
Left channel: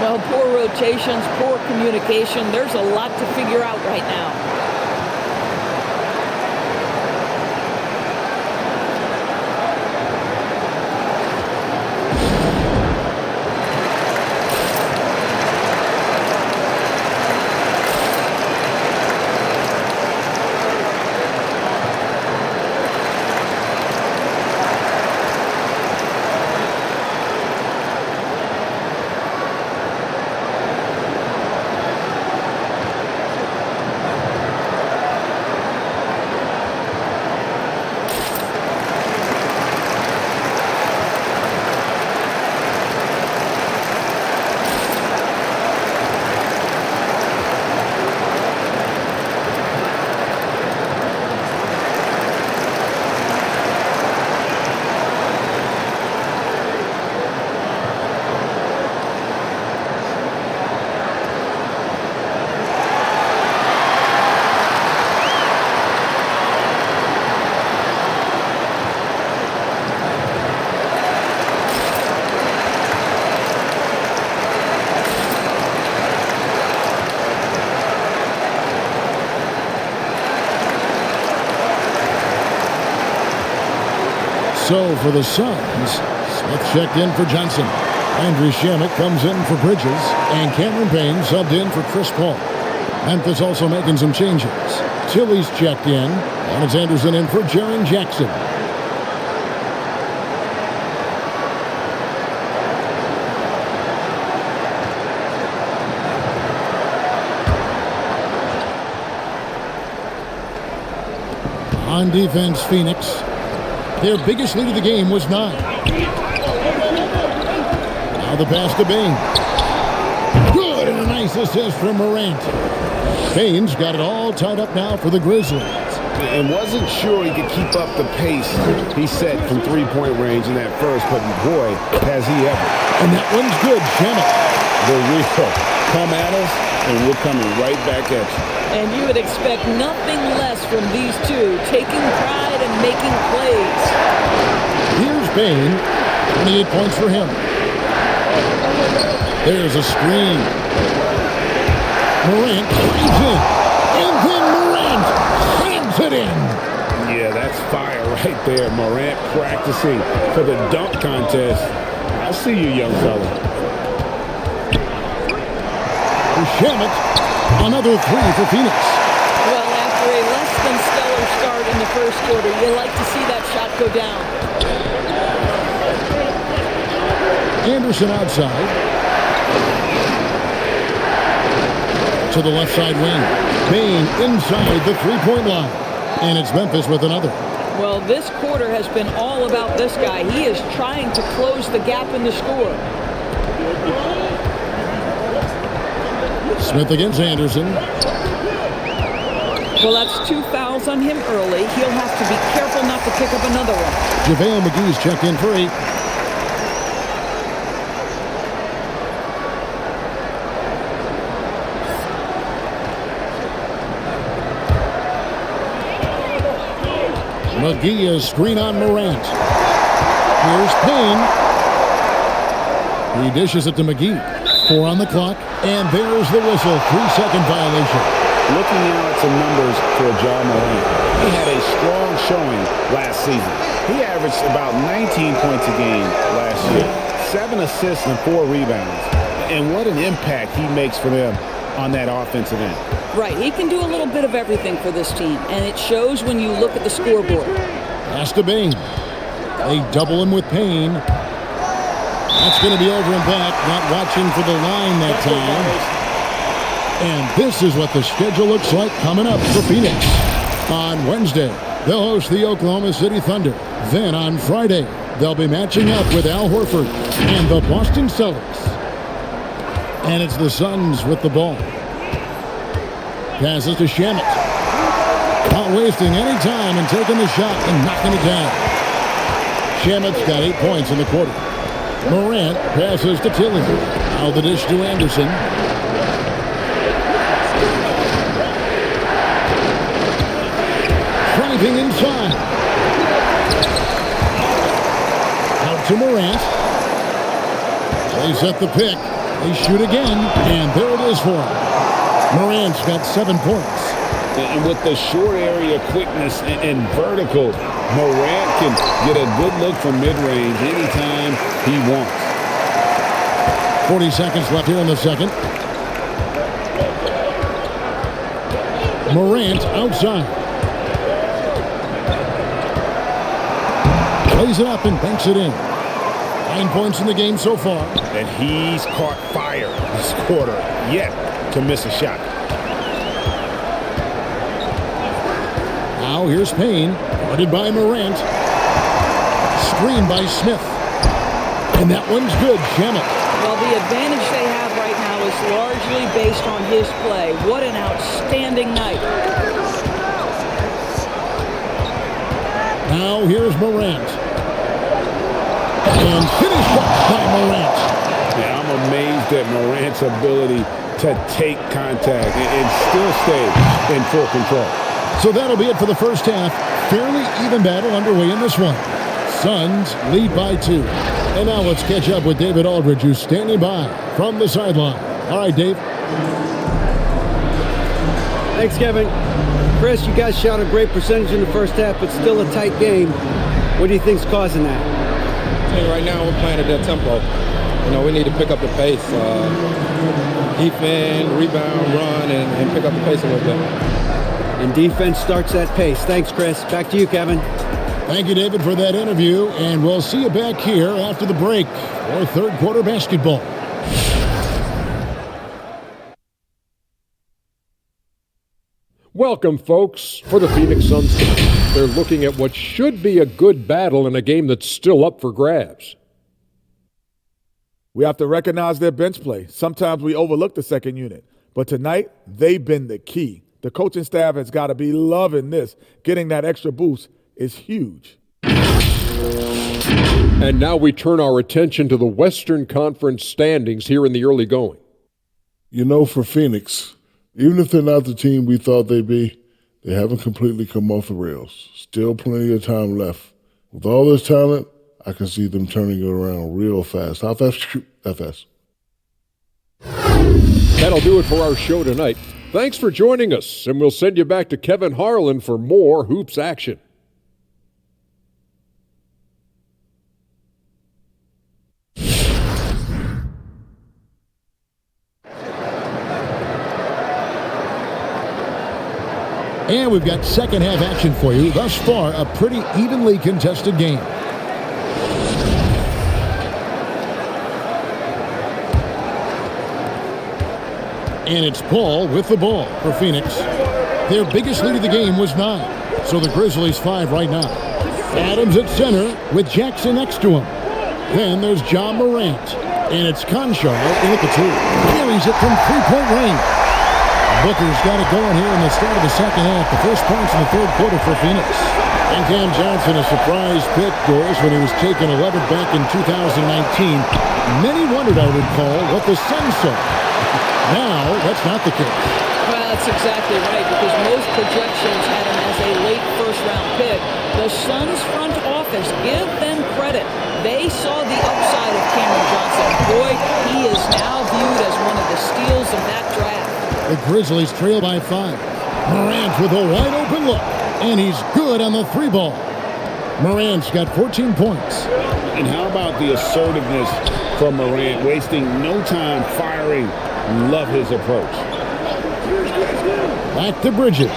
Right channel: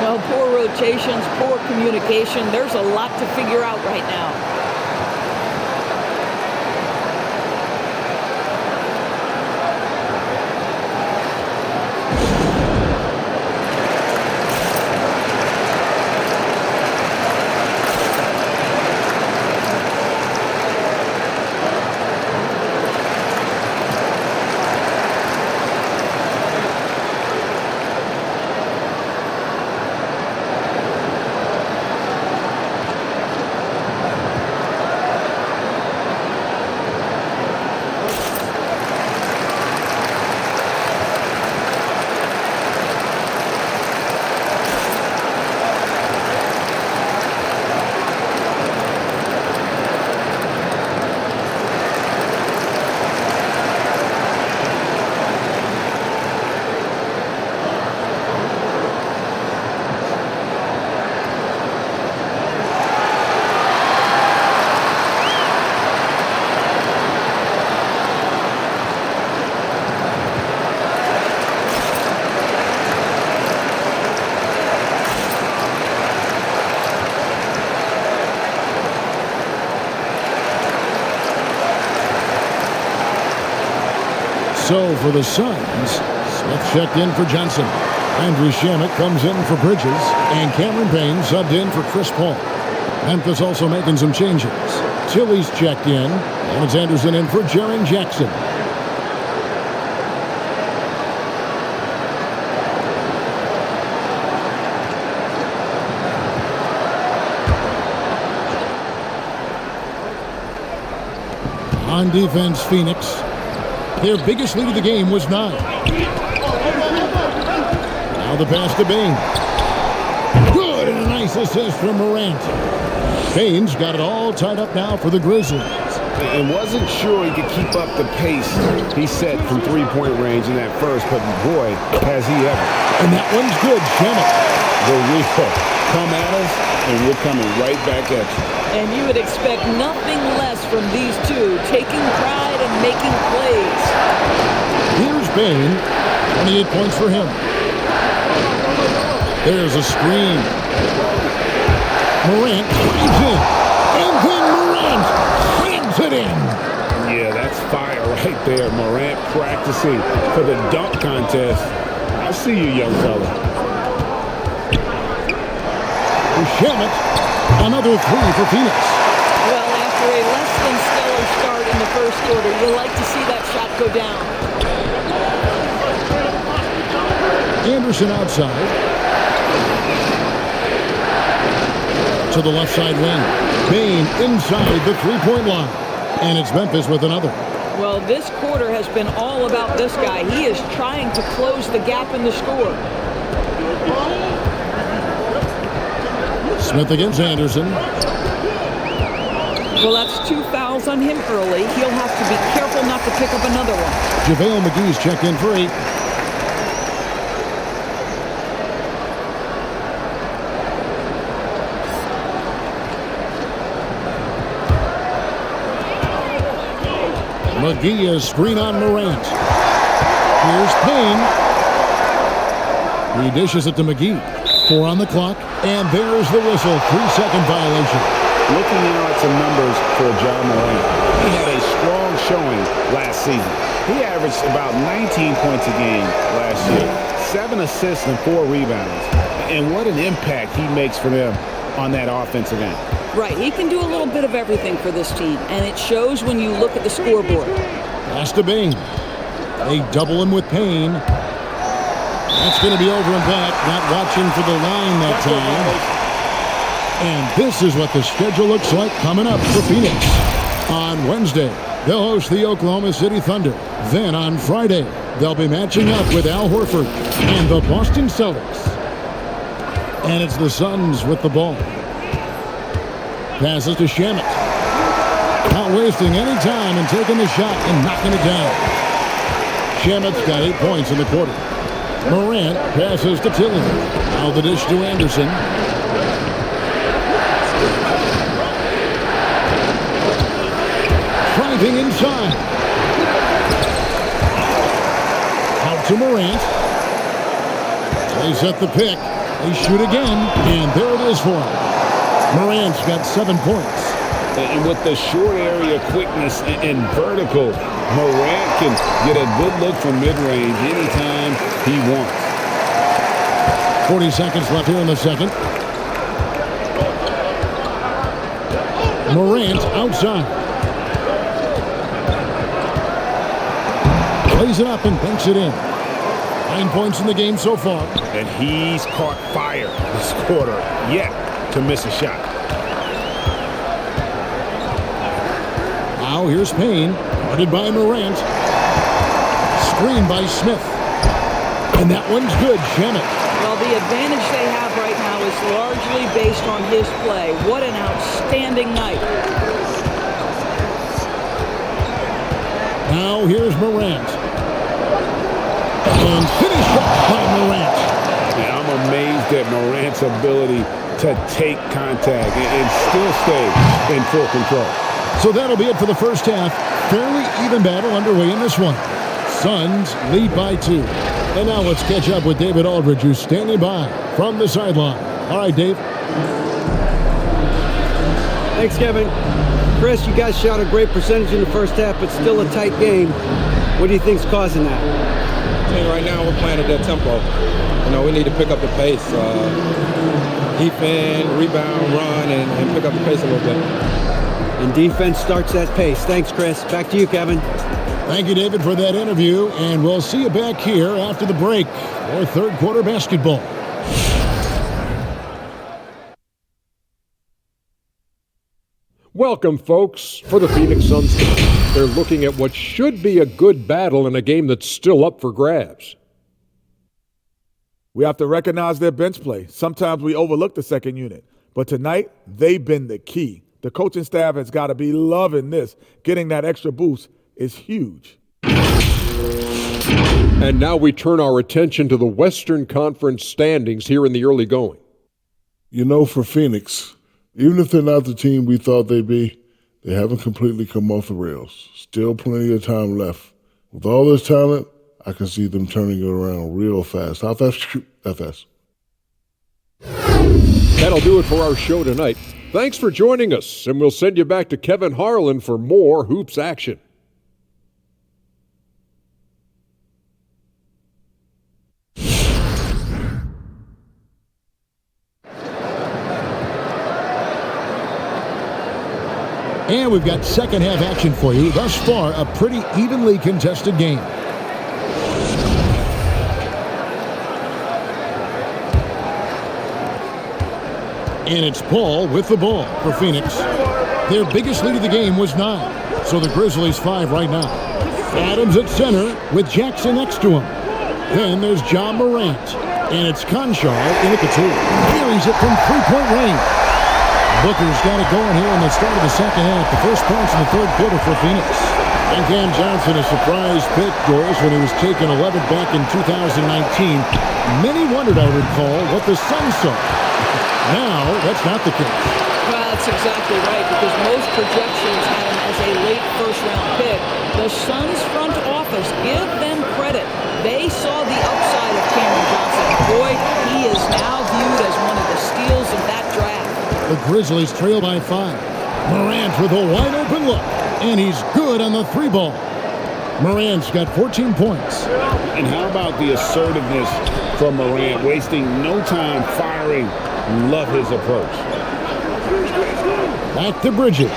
Well, poor rotations, poor communication. There's a lot to figure out right now. So for the Suns, Smith checked in for Johnson. Andrew Shamet comes in for Bridges. And Cameron Payne subbed in for Chris Paul. Memphis also making some changes. Tilly's checked in. And it's Anderson in for Jaren Jackson. On defense, Phoenix. Their biggest lead of the game was 9. Now the pass to Bane. Good, and a nice assist from Morant. Bane's got it all tied up now for the Grizzlies. And wasn't sure he could keep up the pace he set from three-point range in that first, but boy, has he ever. And that one's good, Shamet. The real. Come at us, and we're coming right back at you. And you would expect nothing less from these two, taking pride and making plays. Here's Bane. 28 points for him. There's a screen. Morant drives in. And then Morant slams it in. Yeah, that's fire right there. Morant practicing for the dunk contest. I see you, young fella. Shamet. Another 3 for Phoenix. Well, after a less than stellar start in the first quarter, you like to see that shot go down. Anderson outside. To the left side wing. Bane inside the three-point line. And it's Memphis with another. Well, this quarter has been all about this guy. He is trying to close the gap in the score. Smith against Anderson. Well, that's 2 fouls on him early. He'll have to be careful not to pick up another one. JaVale McGee's checked in for 8. McGee is screen on Morant. Here's Payne. He dishes it to McGee. 4 on the clock, and there's the whistle. 3-second violation. Looking now at some numbers for Ja Morant. He had a strong showing last season. He averaged about 19 points a game last year, 7 assists and 4 rebounds. And what an impact he makes for them on that offensive end. Right, he can do a little bit of everything for this team, and it shows when you look at the scoreboard. Pass to Bane. They double him with Payne. That's going to be over and back. Not watching for the line that time. And this is what the schedule looks like coming up for Phoenix. On Wednesday, they'll host the Oklahoma City Thunder. Then on Friday, they'll be matching up with Al Horford and the Boston Celtics. And it's the Suns with the ball. Passes to Shamet. Not wasting any time and taking the shot and knocking it down. Shamet's got 8 points in the quarter. Morant passes to Tilly. Now the dish to Anderson. Driving inside. Out to Morant. They set the pick. They shoot again, and there it is for him. Morant's got 7 points. And with the short area quickness and vertical, Morant can get a good look from mid-range anytime he wants. 40 seconds left here in the second. Morant outside. Plays it up and banks it in. 9 points in the game so far. And he's caught fire this quarter, yet to miss a shot. Now here's Payne, guarded by Morant. Screened by Smith. And that one's good, Shamet. Well, the advantage they have right now is largely based on his play. What an outstanding night. Now here's Morant. And finished off by Morant. Yeah, I'm amazed at Morant's ability to take contact and still stay in full control. So that'll be it for the first half. Fairly even battle underway in this one. Suns lead by 2. And now let's catch up with David Aldridge, who's standing by from the sideline. All right, Dave. Thanks, Kevin. Chris, you guys shot a great percentage in the first half, but still a tight game. What do you think's causing that? I think right now we're playing at their tempo. You know, we need to pick up the pace. Defend, rebound, run, and pick up the pace a little bit. And defense starts that pace. Thanks, Chris. Back to you, Kevin. Thank you, David, for that interview, and we'll see you back here after the break for third quarter basketball. Welcome, folks. For the Phoenix Suns tonight, they're looking at what should be a good battle in a game that's still up for grabs. We have to recognize their bench play. Sometimes we overlook the second unit, but tonight they've been the key. The coaching staff has got to be loving this. Getting that extra boost is huge. And now we turn our attention to the Western Conference standings here in the early going. You know, for Phoenix, even if they're not the team we thought they'd be, they haven't completely come off the rails. Still plenty of time left. With all this talent, I can see them turning it around real fast. How fast? That fast. That'll do it for our show tonight. Thanks for joining us, and we'll send you back to Kevin Harlan for more hoops action. And we've got second half action for you. Thus far, a pretty evenly contested game. And it's Paul with the ball for Phoenix. Their biggest lead of the game was 9, so the Grizzlies 5 right now. Adams at center with Jackson next to him. Then there's John Morant, and it's Conchar in at the 2. Buries it from three-point range. Booker's got it going here in the start of the second half. The first points in the third quarter for Phoenix. And Cam Johnson, a surprise pick, Doris, when he was taken 11th back in 2019. Many wondered, I recall, what the Suns saw. Now, that's not the case. Well, that's exactly right, because most projections had him as a late first-round pick. The Suns front office, give them credit. They saw the upside of Cameron Johnson. Boy, he is now viewed as one of the steals of that draft. The Grizzlies trail by 5. Morant with a wide-open look, and he's good on the 3-ball. Morant's got 14 points. And how about the assertiveness from Morant, wasting no time firing? Love his approach. Back to Bridges.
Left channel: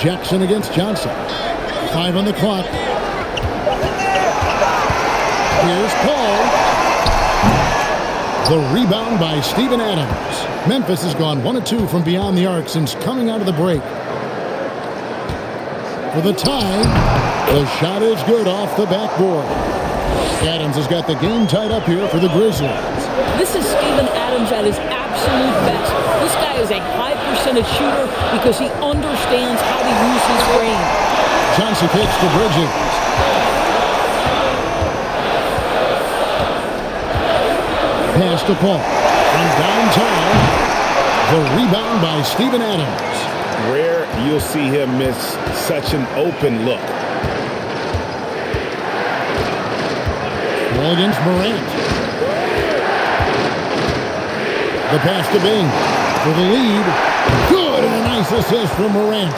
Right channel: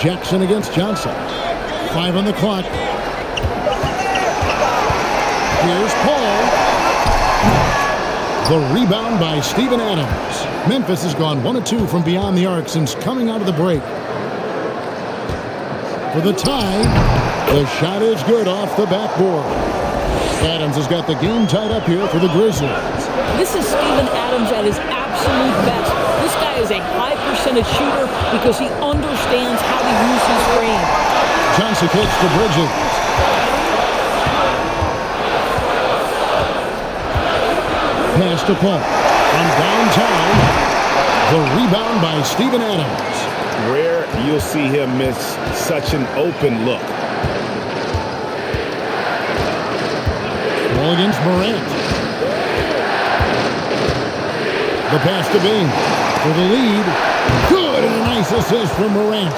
Jackson against Johnson. 5 on the clock. Here's Paul. The rebound by Steven Adams. Memphis has gone 1 of 2 from beyond the arc since coming out of the break. For the tie, the shot is good off the backboard. Adams has got the game tied up here for the Grizzlies. This is Steven Adams at his absolute best. This guy is a high percentage shooter because he understands how to use his frame. Johnson kicks to Bridges. Pass to Paul. From downtown, the rebound by Steven Adams. Rare you'll see him miss such an open look. Ball against Morant. The pass to Bing for the lead. Good, and a nice assist from Morant.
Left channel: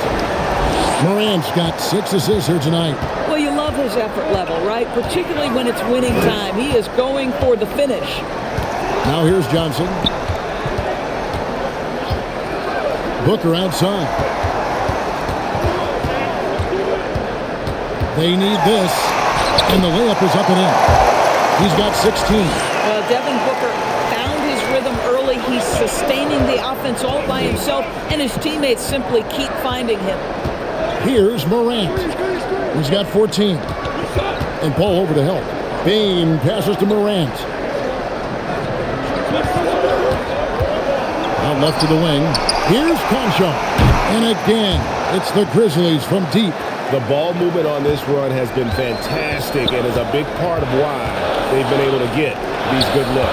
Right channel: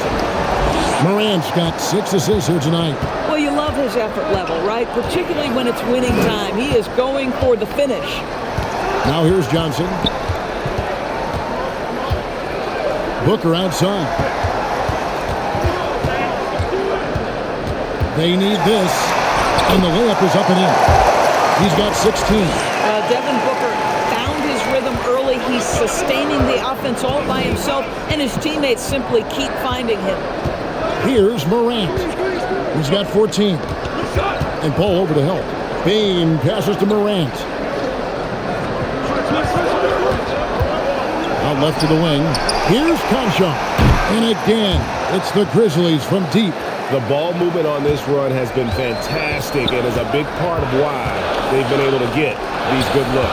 Morant's got 6 assists here tonight. Well, you love his effort level, right? Particularly when it's winning time. He is going for the finish. Now here's Johnson. Booker outside. They need this, and the layup is up and in. He's got 16. Well, Devin Booker found his rhythm early. He's sustaining the offense all by himself, and his teammates simply keep finding him. Here's Morant. He's got 14. And Paul over to help. Bain passes to Morant. Out left to the wing. Here's Conchar. And again, it's the Grizzlies from deep. The ball movement on this run has been fantastic and is a big part of why they've been able to get these good looks.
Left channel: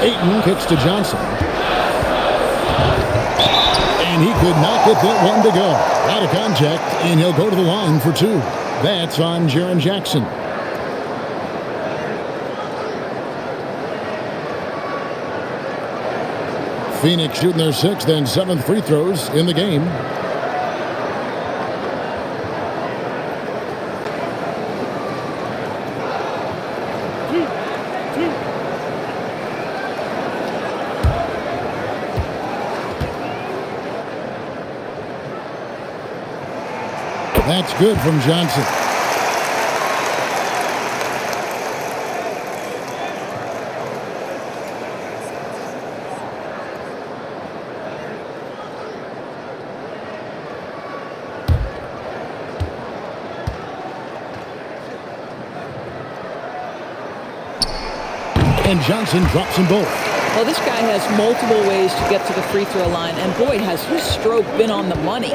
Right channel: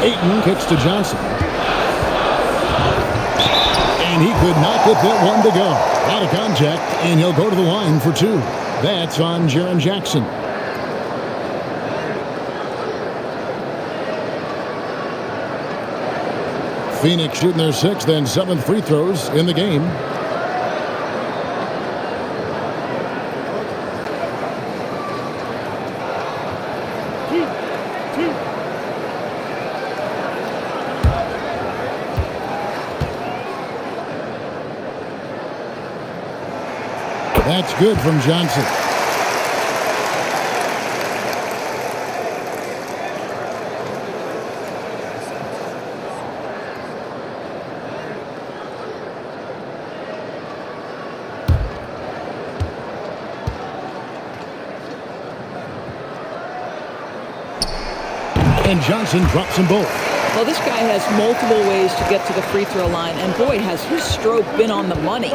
Ayton kicks to Johnson. And he could not get that one to go. A lot of contact, and he'll go to the line for 2. That's on Jaren Jackson. Phoenix shooting their 6th and 7th free throws in the game. That's good from Johnson. And Johnson drops them both. Well, this guy has multiple ways to get to the free throw line, and boy, has his stroke been on the money.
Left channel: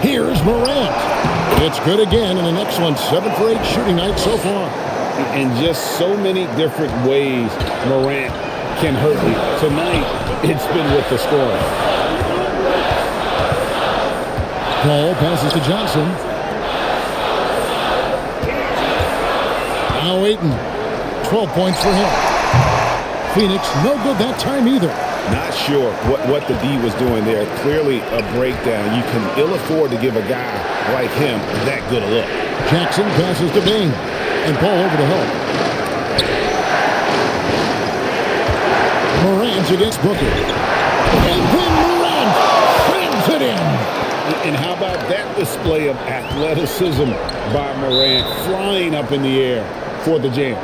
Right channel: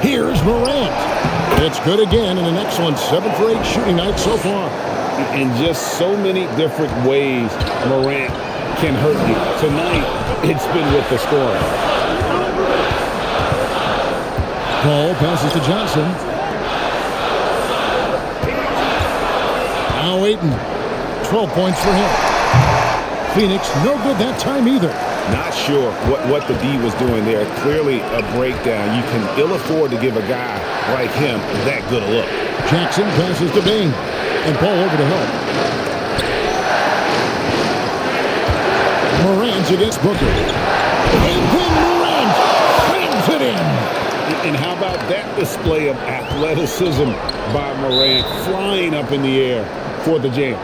Here's Morant. It's good again, and an excellent 7 for 8 shooting night so far. In just so many different ways, Morant can hurt you. Tonight, it's been with the scoring. Paul passes to Johnson. Now Ayton. 12 points for him. Phoenix, no good that time either. Not sure what the D was doing there. Clearly a breakdown. You can ill afford to give a guy like him that good a look. Jackson passes to Bing. And Paul over to help. Morant's against Booker. And then Morant slams it in. And how about that display of athleticism by Morant, flying up in the air for the jam?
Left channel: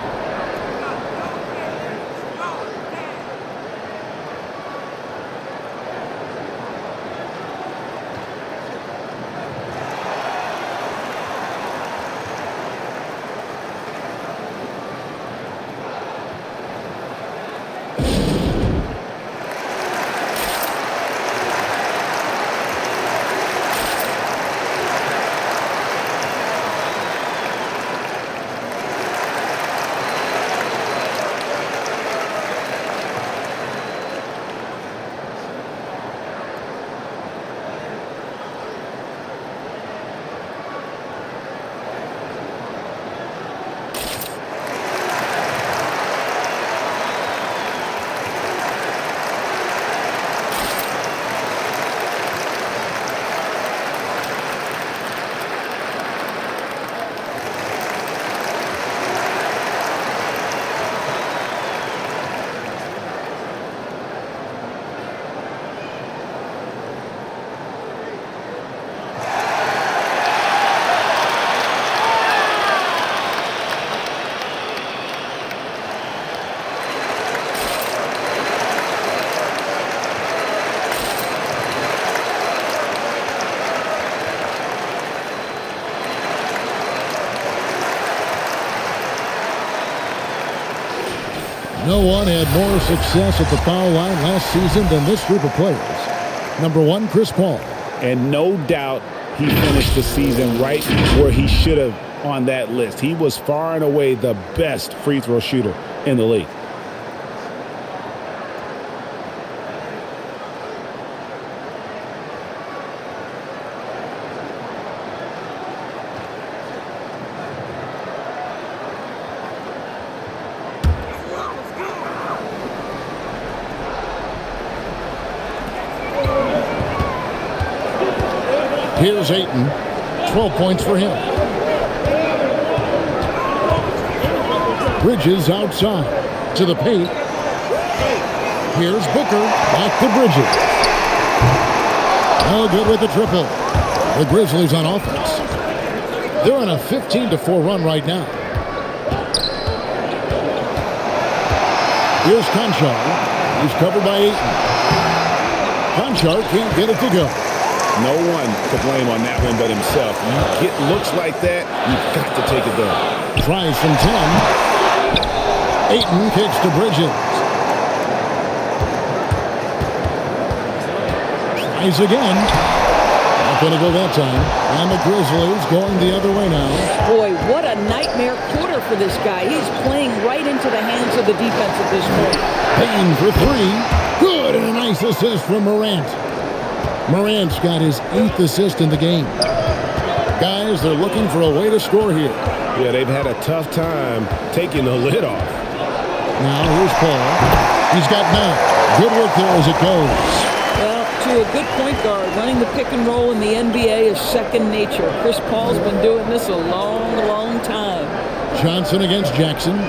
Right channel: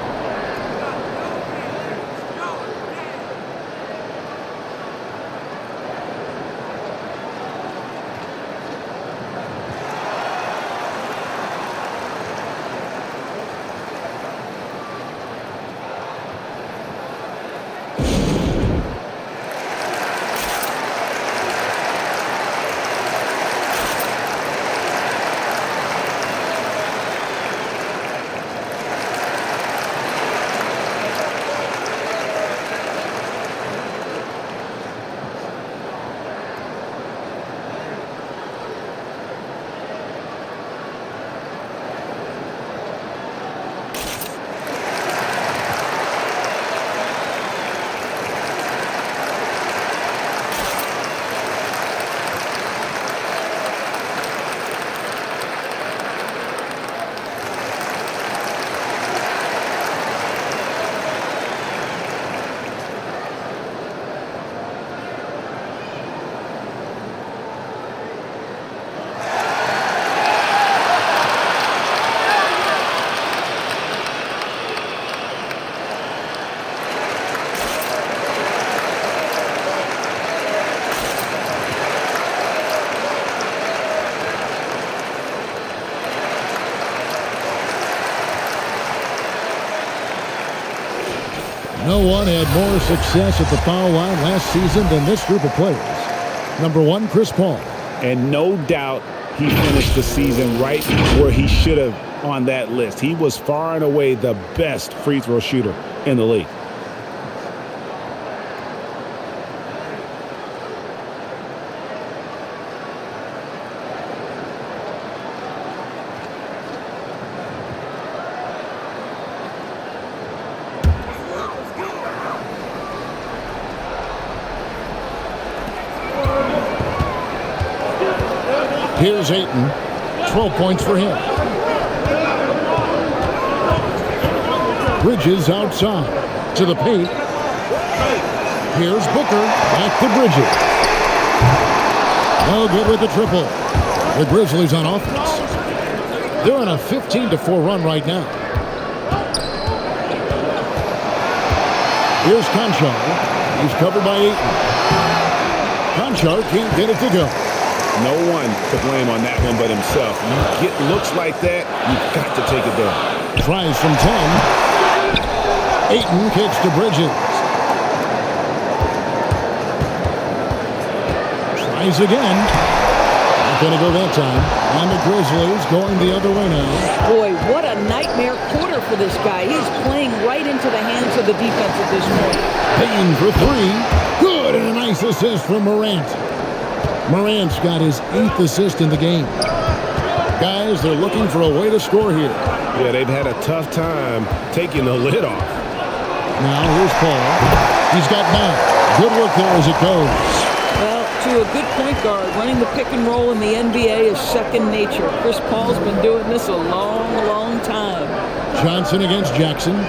No one had more success at the foul line last season than this group of players. Number 1, Chris Paul. And no doubt he finished the season right where he should have on that list. He was far and away the best free throw shooter in the league. Here's Ayton. 12 points for him. Bridges outside to the paint. Here's Booker. Back to Bridges. No good with the triple. The Grizzlies on offense. They're on a 15-4 run right now. Here's Conchar. He's covered by Ayton. Conchar can't get it to go. No one to blame on that one but himself. You get looks like that, you've got to take it down. Tries from 10. Ayton kicks to Bridges. Tries again. Not going to go that time. And the Grizzlies going the other way now. Boy, what a nightmare quarter for this guy. He's playing right into the hands of the defense at this point. Payne for 3. Good, and a nice assist from Morant. Morant's got his 8th assist in the game. Guys, they're looking for a way to score here. Yeah, they've had a tough time taking the lid off. Now here's Paul. He's got 9. Good work there as it goes. Well, to a good point guard, running the pick and roll in the NBA is second nature. Chris Paul's been doing this a long, long time. Johnson against Jackson.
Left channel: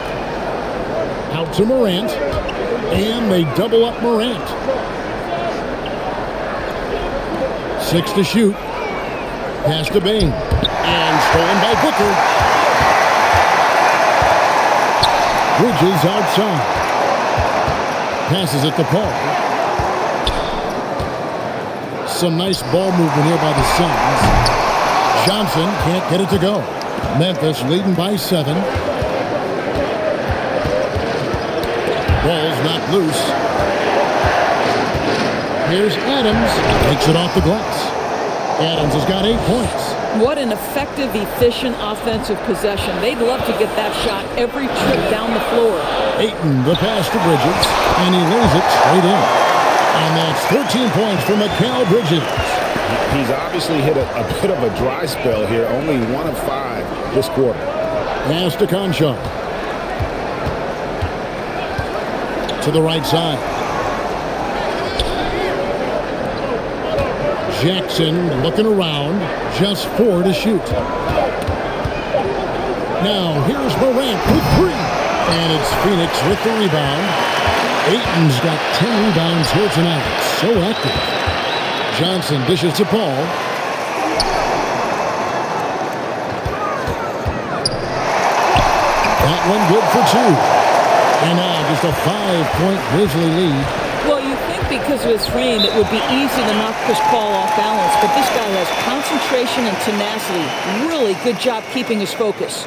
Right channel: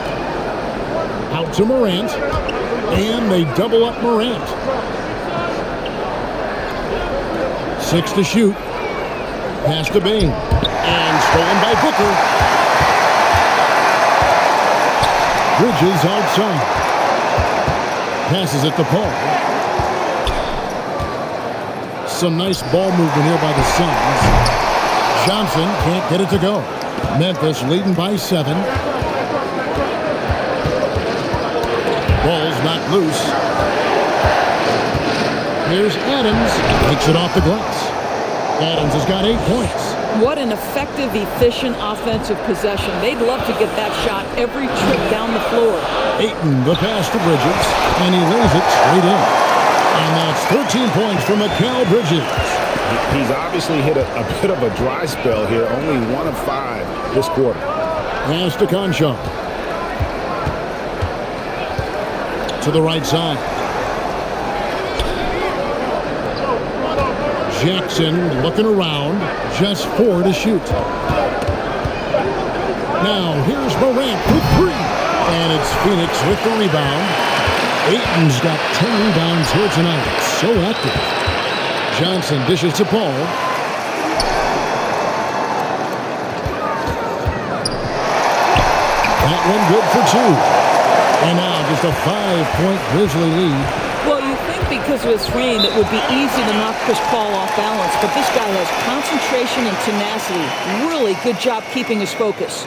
Out to Morant. And they double up Morant. 6 to shoot. Pass to Bain. And stolen by Booker. Bridges outside. Passes it to Paul. Some nice ball movement here by the Suns. Johnson can't get it to go. Memphis leading by 7. Ball's knocked loose. Here's Adams. Takes it off the glass. Adams has got 8 points. What an effective, efficient offensive possession. They'd love to get that shot every trip down the floor. Ayton, the pass to Bridges, and he lays it straight in. And that's 13 points for Mikal Bridges. He's obviously hit a bit of a dry spell here, only 1 of 5 this quarter. Pass to Conchar. To the right side. Jackson looking around, just 4 to shoot. Now here's Morant with 3. And it's Phoenix with the rebound. Ayton's got 10 rebounds here tonight. So active. Johnson dishes to Paul. That one good for 2. And now just a 5-point Grizzly lead. Well, you think because of his frame it would be easy to knock Chris Paul off balance, but this guy has concentration and tenacity. Really good job keeping his focus.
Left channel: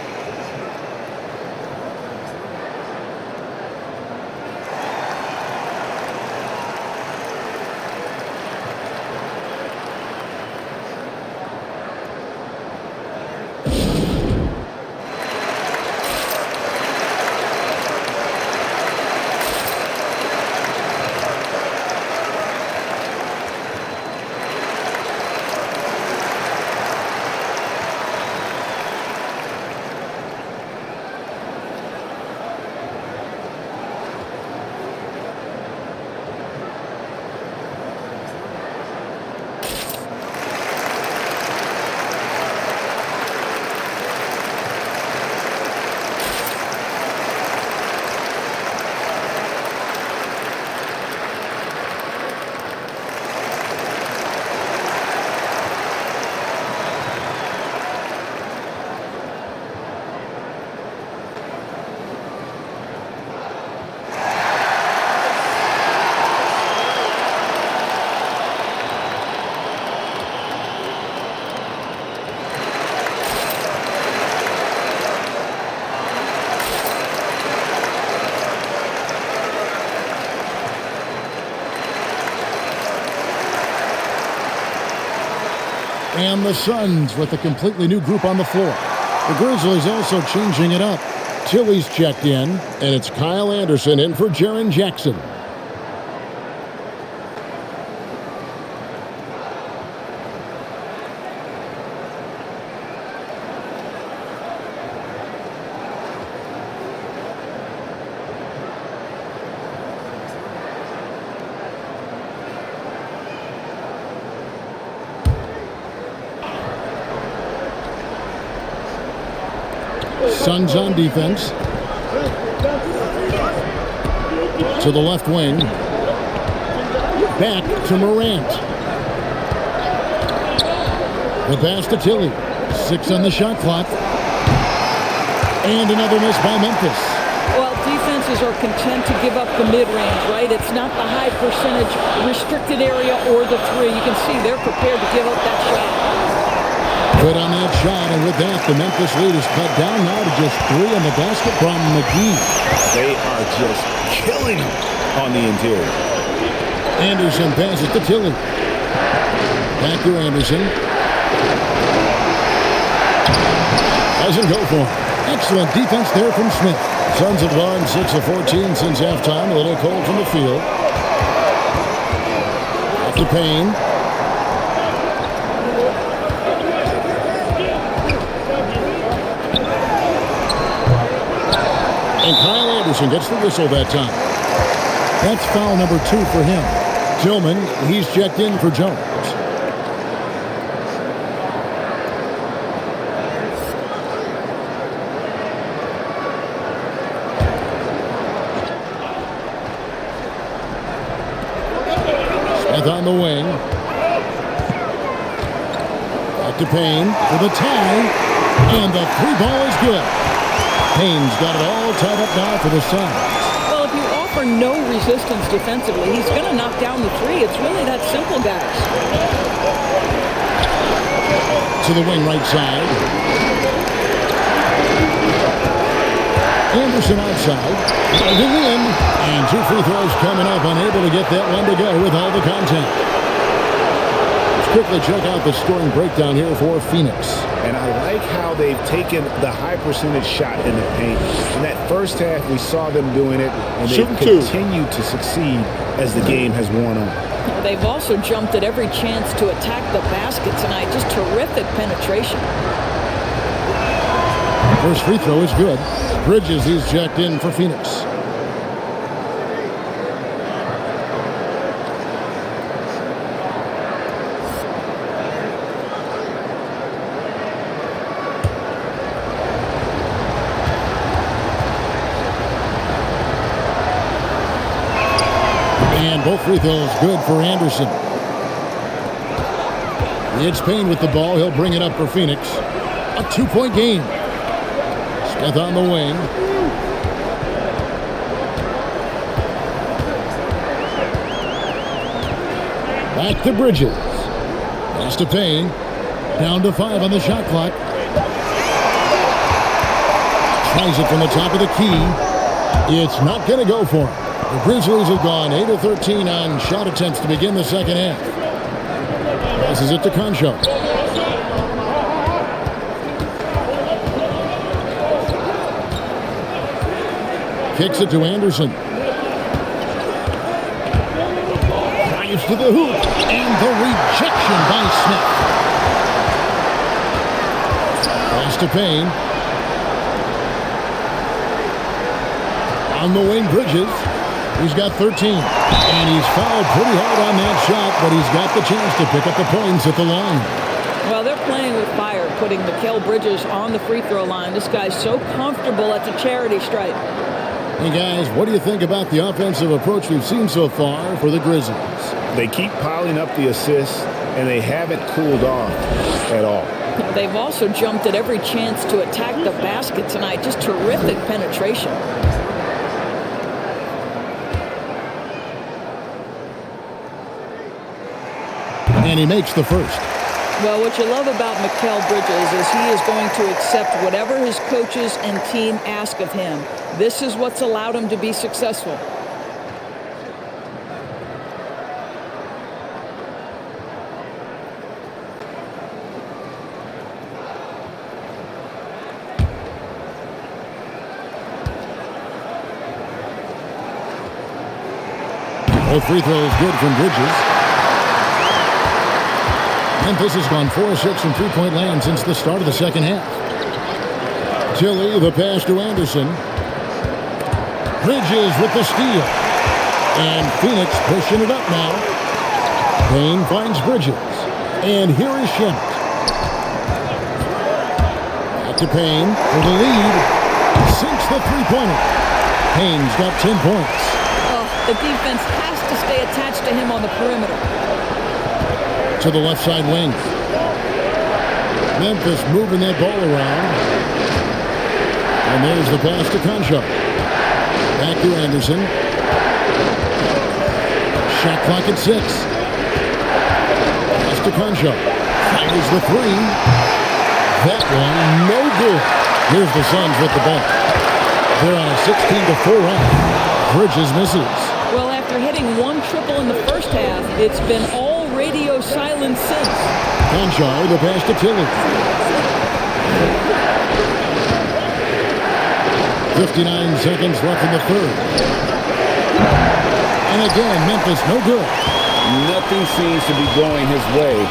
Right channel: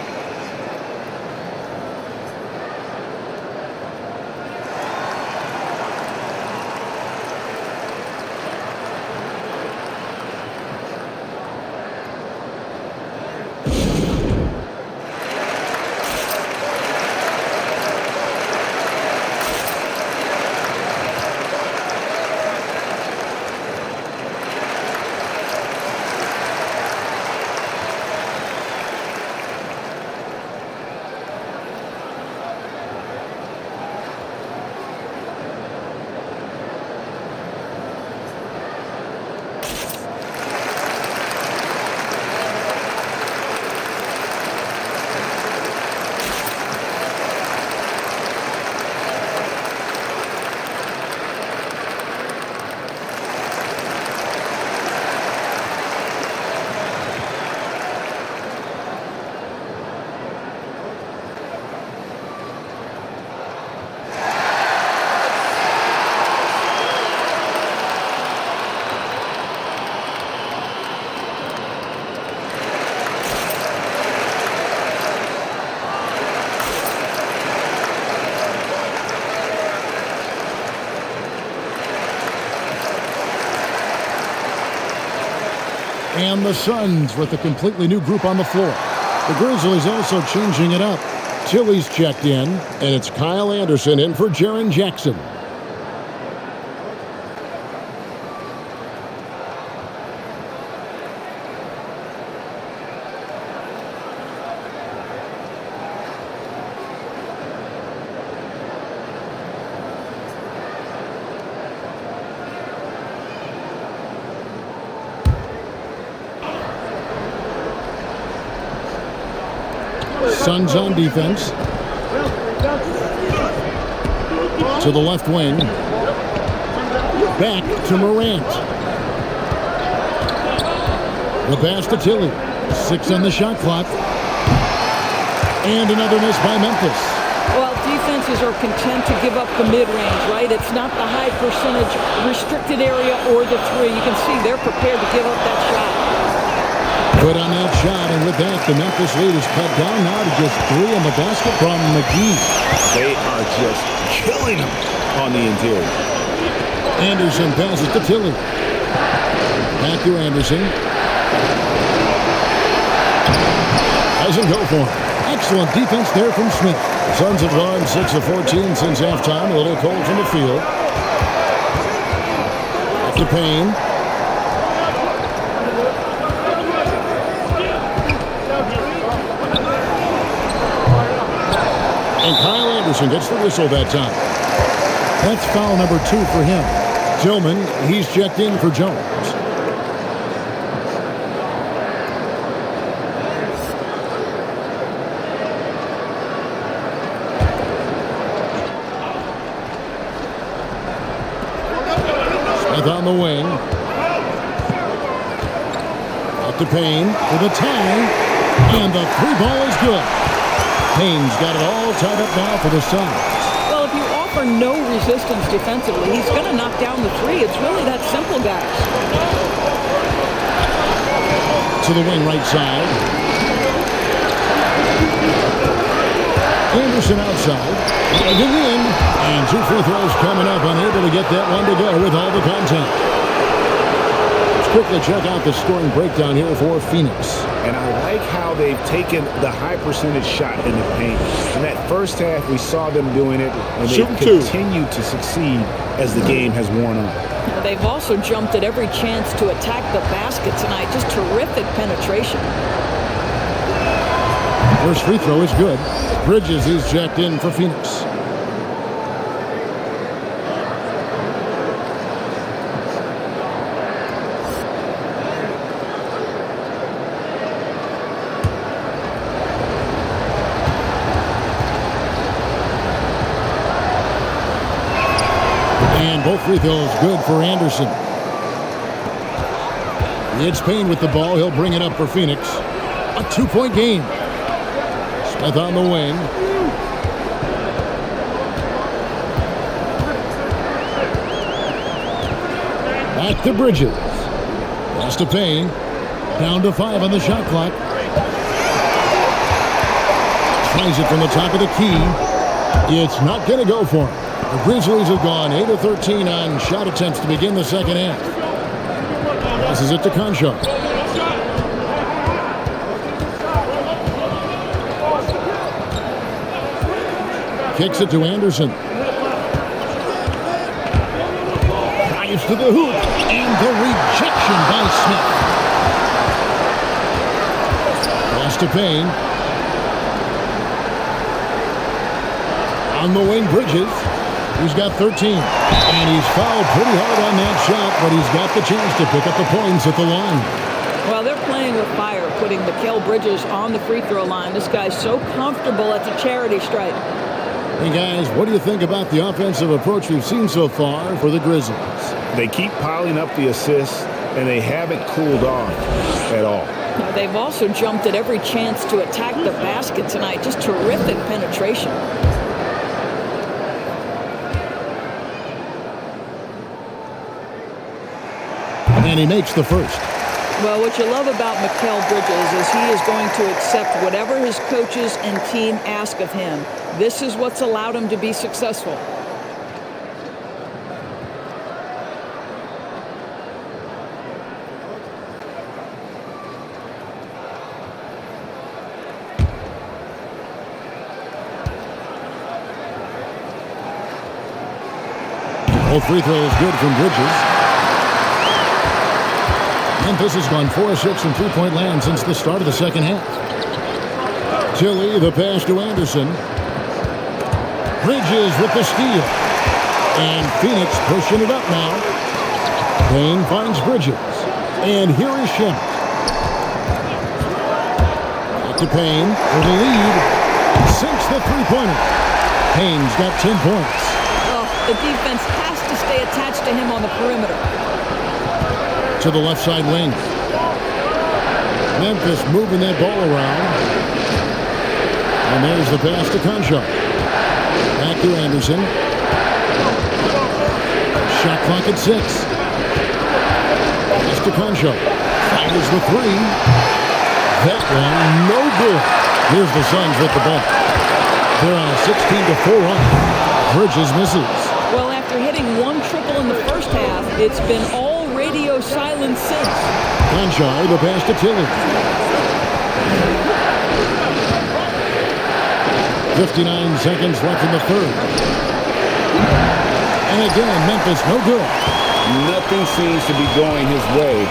And the Suns with a completely new group on the floor. The Grizzlies also changing it up. Tilly's checked in, and it's Kyle Anderson in for Jaren Jackson. Suns on defense. To the left wing. Back to Morant. The pass to Tilly. 6 on the shot clock. And another miss by Memphis. Well, defenses are content to give up the mid-range, right? It's not the high percentage restricted area or the 3. You can see they're prepared to give up that shot. Good on that shot, and with that, the Memphis lead is cut down now to just 3 in the basket from McGee. They are just killing them on the interior. Anderson passes to Tilly. Back to Anderson. Doesn't go for him. Excellent defense there from Smith. Suns have gone 6 of 14 since halftime. A little cold from the field. Back to Payne. And Kyle Anderson gets the whistle that time. That's foul number 2 for him. Tillman, he's checked in for Jones. Smith on the wing. Back to Payne for the tie, and the three ball is good. Payne's got it all tied up now for the Suns. Well, if you offer no resistance defensively, he's going to knock down the three. It's really that simple, guys. To the wing right side. Anderson outside, driving in, and two free throws coming up, unable to get that one to go with all the contact. Let's quickly check out the scoring breakdown here for Phoenix. And I like how they've taken the high percentage shot in the paint. In that first half, we saw them doing it, and they've continued to succeed as the game has worn on. They've also jumped at every chance to attack the basket tonight. Just terrific penetration. First free throw is good. Bridges, he's checked in for Phoenix. And both free throws good for Anderson. It's Payne with the ball. He'll bring it up for Phoenix. A two-point game. Smith on the wing. Back to Bridges. Pass to Payne. Down to 5 on the shot clock. Tries it from the top of the key. It's not going to go for him. The Grizzlies have gone 8 of 13 on shot attempts to begin the second half. Passes it to Conchar. Kicks it to Anderson. Drives to the hoop. And the rejection by Smith. Pass to Payne. On the wing, Bridges. He's got 13. And he's fouled pretty hard on that shot, but he's got the chance to pick up the points at the line. Well, they're playing with fire, putting Mikal Bridges on the free throw line. This guy's so comfortable at the charity stripe. Hey, guys, what do you think about the offensive approach we've seen so far for the Grizzlies? They keep piling up the assists, and they haven't cooled off at all. They've also jumped at every chance to attack the basket tonight. Just terrific penetration. And he makes the first. Well, what you love about Mikal Bridges is he is going to accept whatever his coaches and team ask of him. This is what's allowed him to be successful. Both free throws good from Bridges. Memphis has gone 4 of 6 from three-point land since the start of the second half. Tilly, the pass to Anderson. Bridges with the steal. And Phoenix pushing it up now. Payne finds Bridges. And here is Shemet. Back to Payne for the lead. Sinks the three-pointer. Payne's got 10 points. Oh, the defense has to stay attached to him on the perimeter. To the left side wing. Memphis moving that ball around. And there's the pass to Conchar. Back to Anderson. Shot clock at 6. Pass to Conchar. Fires the three. That one, no good. Here's the Suns with the ball. They're on a 16-4 run. Bridges misses. Well, after hitting one triple in the first half, it's been all radio silence since. Conchar, the pass to Tilly. 59 seconds left in the third. And again, Memphis no good. Nothing seems to be going his way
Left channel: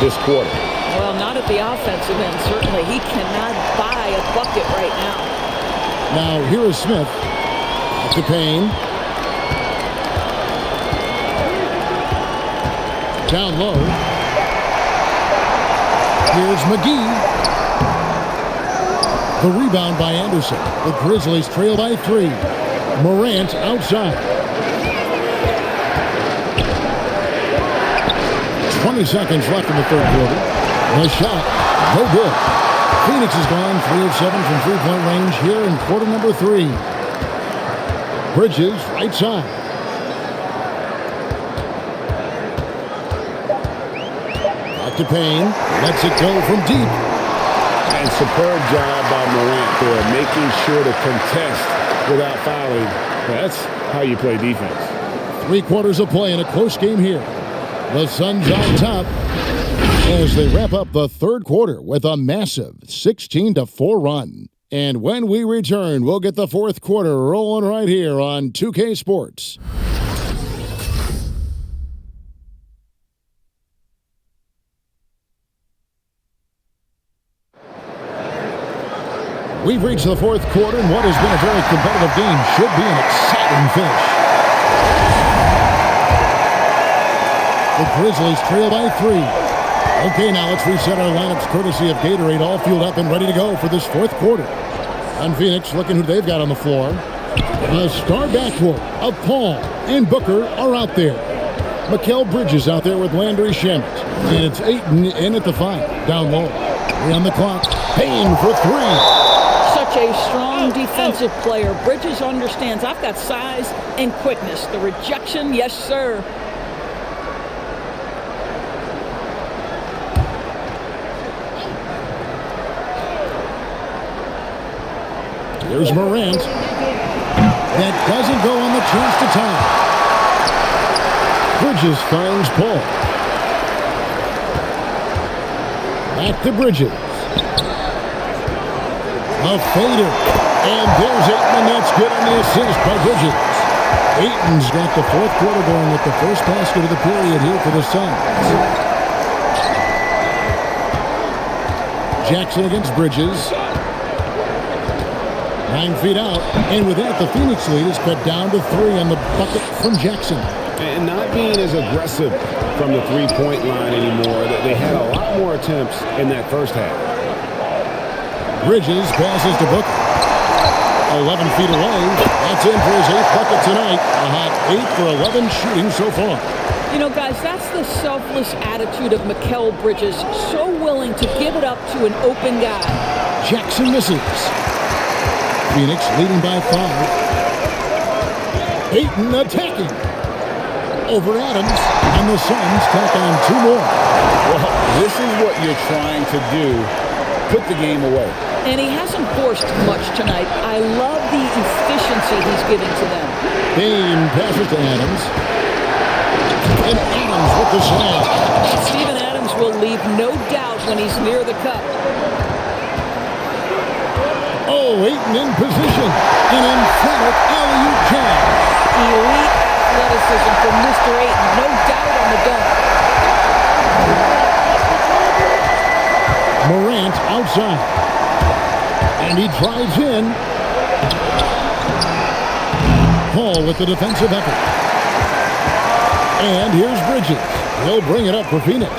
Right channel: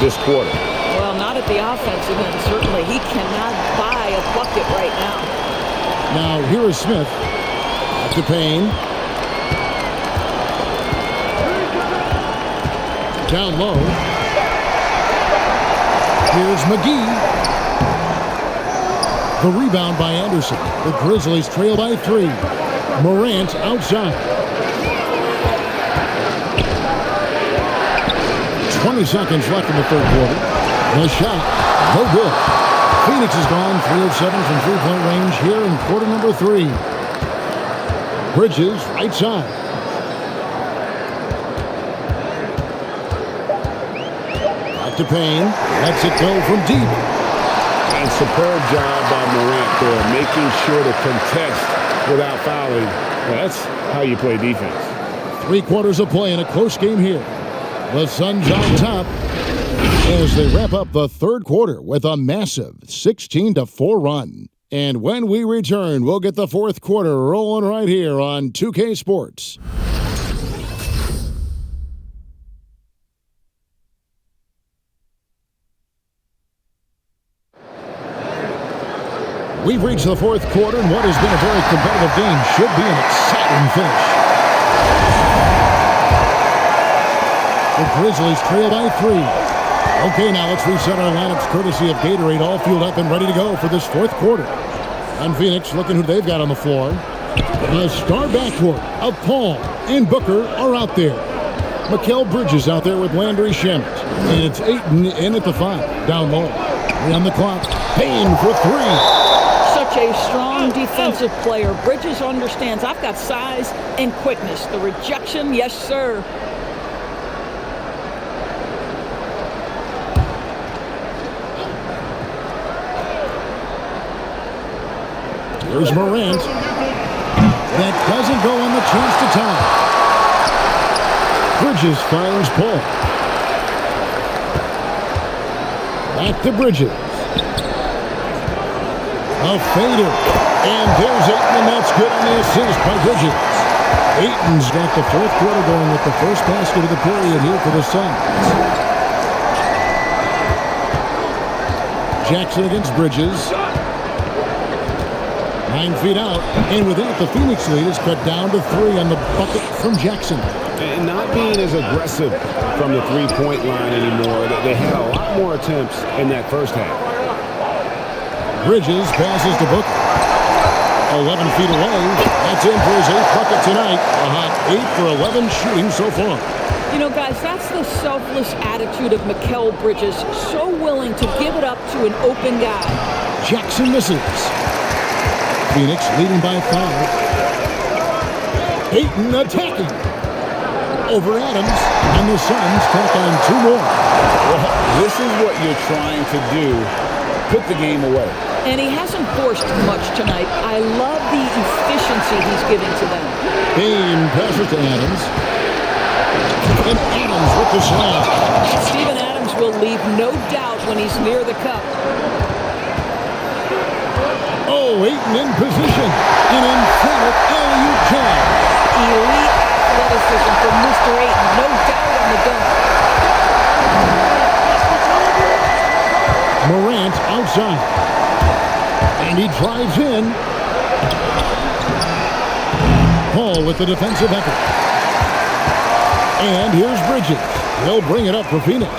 this quarter. Well, not at the offensive end, certainly. He cannot buy a bucket right now. Now, here is Smith. Back to Payne. Down low. Here's McGee. The rebound by Anderson. The Grizzlies trail by 3. Morant outside. 20 seconds left in the third quarter. The shot, no good. Phoenix has gone 3 of 7 from three-point range here in quarter number 3. Bridges, right side. Back to Payne. Lets it go from deep. And superb job by Morant there, making sure to contest without fouling. That's how you play defense. 3 quarters of play in a close game here. The Suns on top as they wrap up the third quarter with a massive 16-4 run. And when we return, we'll get the fourth quarter rolling right here on 2K Sports. We've reached the fourth quarter, and what has been a very competitive game should be an exciting finish. The Grizzlies trail by 3. Okay, now let's reset our lineups courtesy of Gatorade, all fueled up and ready to go for this fourth quarter. And Phoenix looking who they've got on the floor. The star backcourt of Paul and Booker are out there. Mikal Bridges out there with Landry Shamet. And it's Ayton in at the 5, down low. 3 on the clock. Payne for 3. Such a strong defensive player. Bridges understands I've got size and quickness. The rejection, yes, sir. Here's Morant. That doesn't go on the chance to tie. Bridges finds Paul. Back to Bridges. A fader. And there's Ayton, and that's good on the assist by Bridges. Ayton's got the fourth quarter going with the first basket of the period here for the Suns. Jackson against Bridges. 9 feet out, and with that, the Phoenix lead is cut down to 3 on the bucket from Jackson. And not being as aggressive from the three-point line anymore. They had a lot more attempts in that first half. Bridges passes to Booker. 11 feet away. That's in for his 8th bucket tonight. A hot 8 for 11 shooting so far. You know, guys, that's the selfless attitude of Mikal Bridges. So willing to give it up to an open guy. Jackson misses. Phoenix leading by 5. Ayton attacking. Over Adams, and the Suns tack on 2 more. Well, this is what you're trying to do. Put the game away. And he hasn't forced much tonight. I love the efficiency he's giving to them. Payne passes to Adams. And Adams with the slam. Steven Adams will leave no doubt when he's near the cup. Oh, Ayton in position. An emphatic alley-oop jam. Elite athleticism from Mr. Ayton. No doubt on the dunk. Morant outside. And he drives in. Paul with the defensive effort. And here's Bridges. He'll bring it up for Phoenix.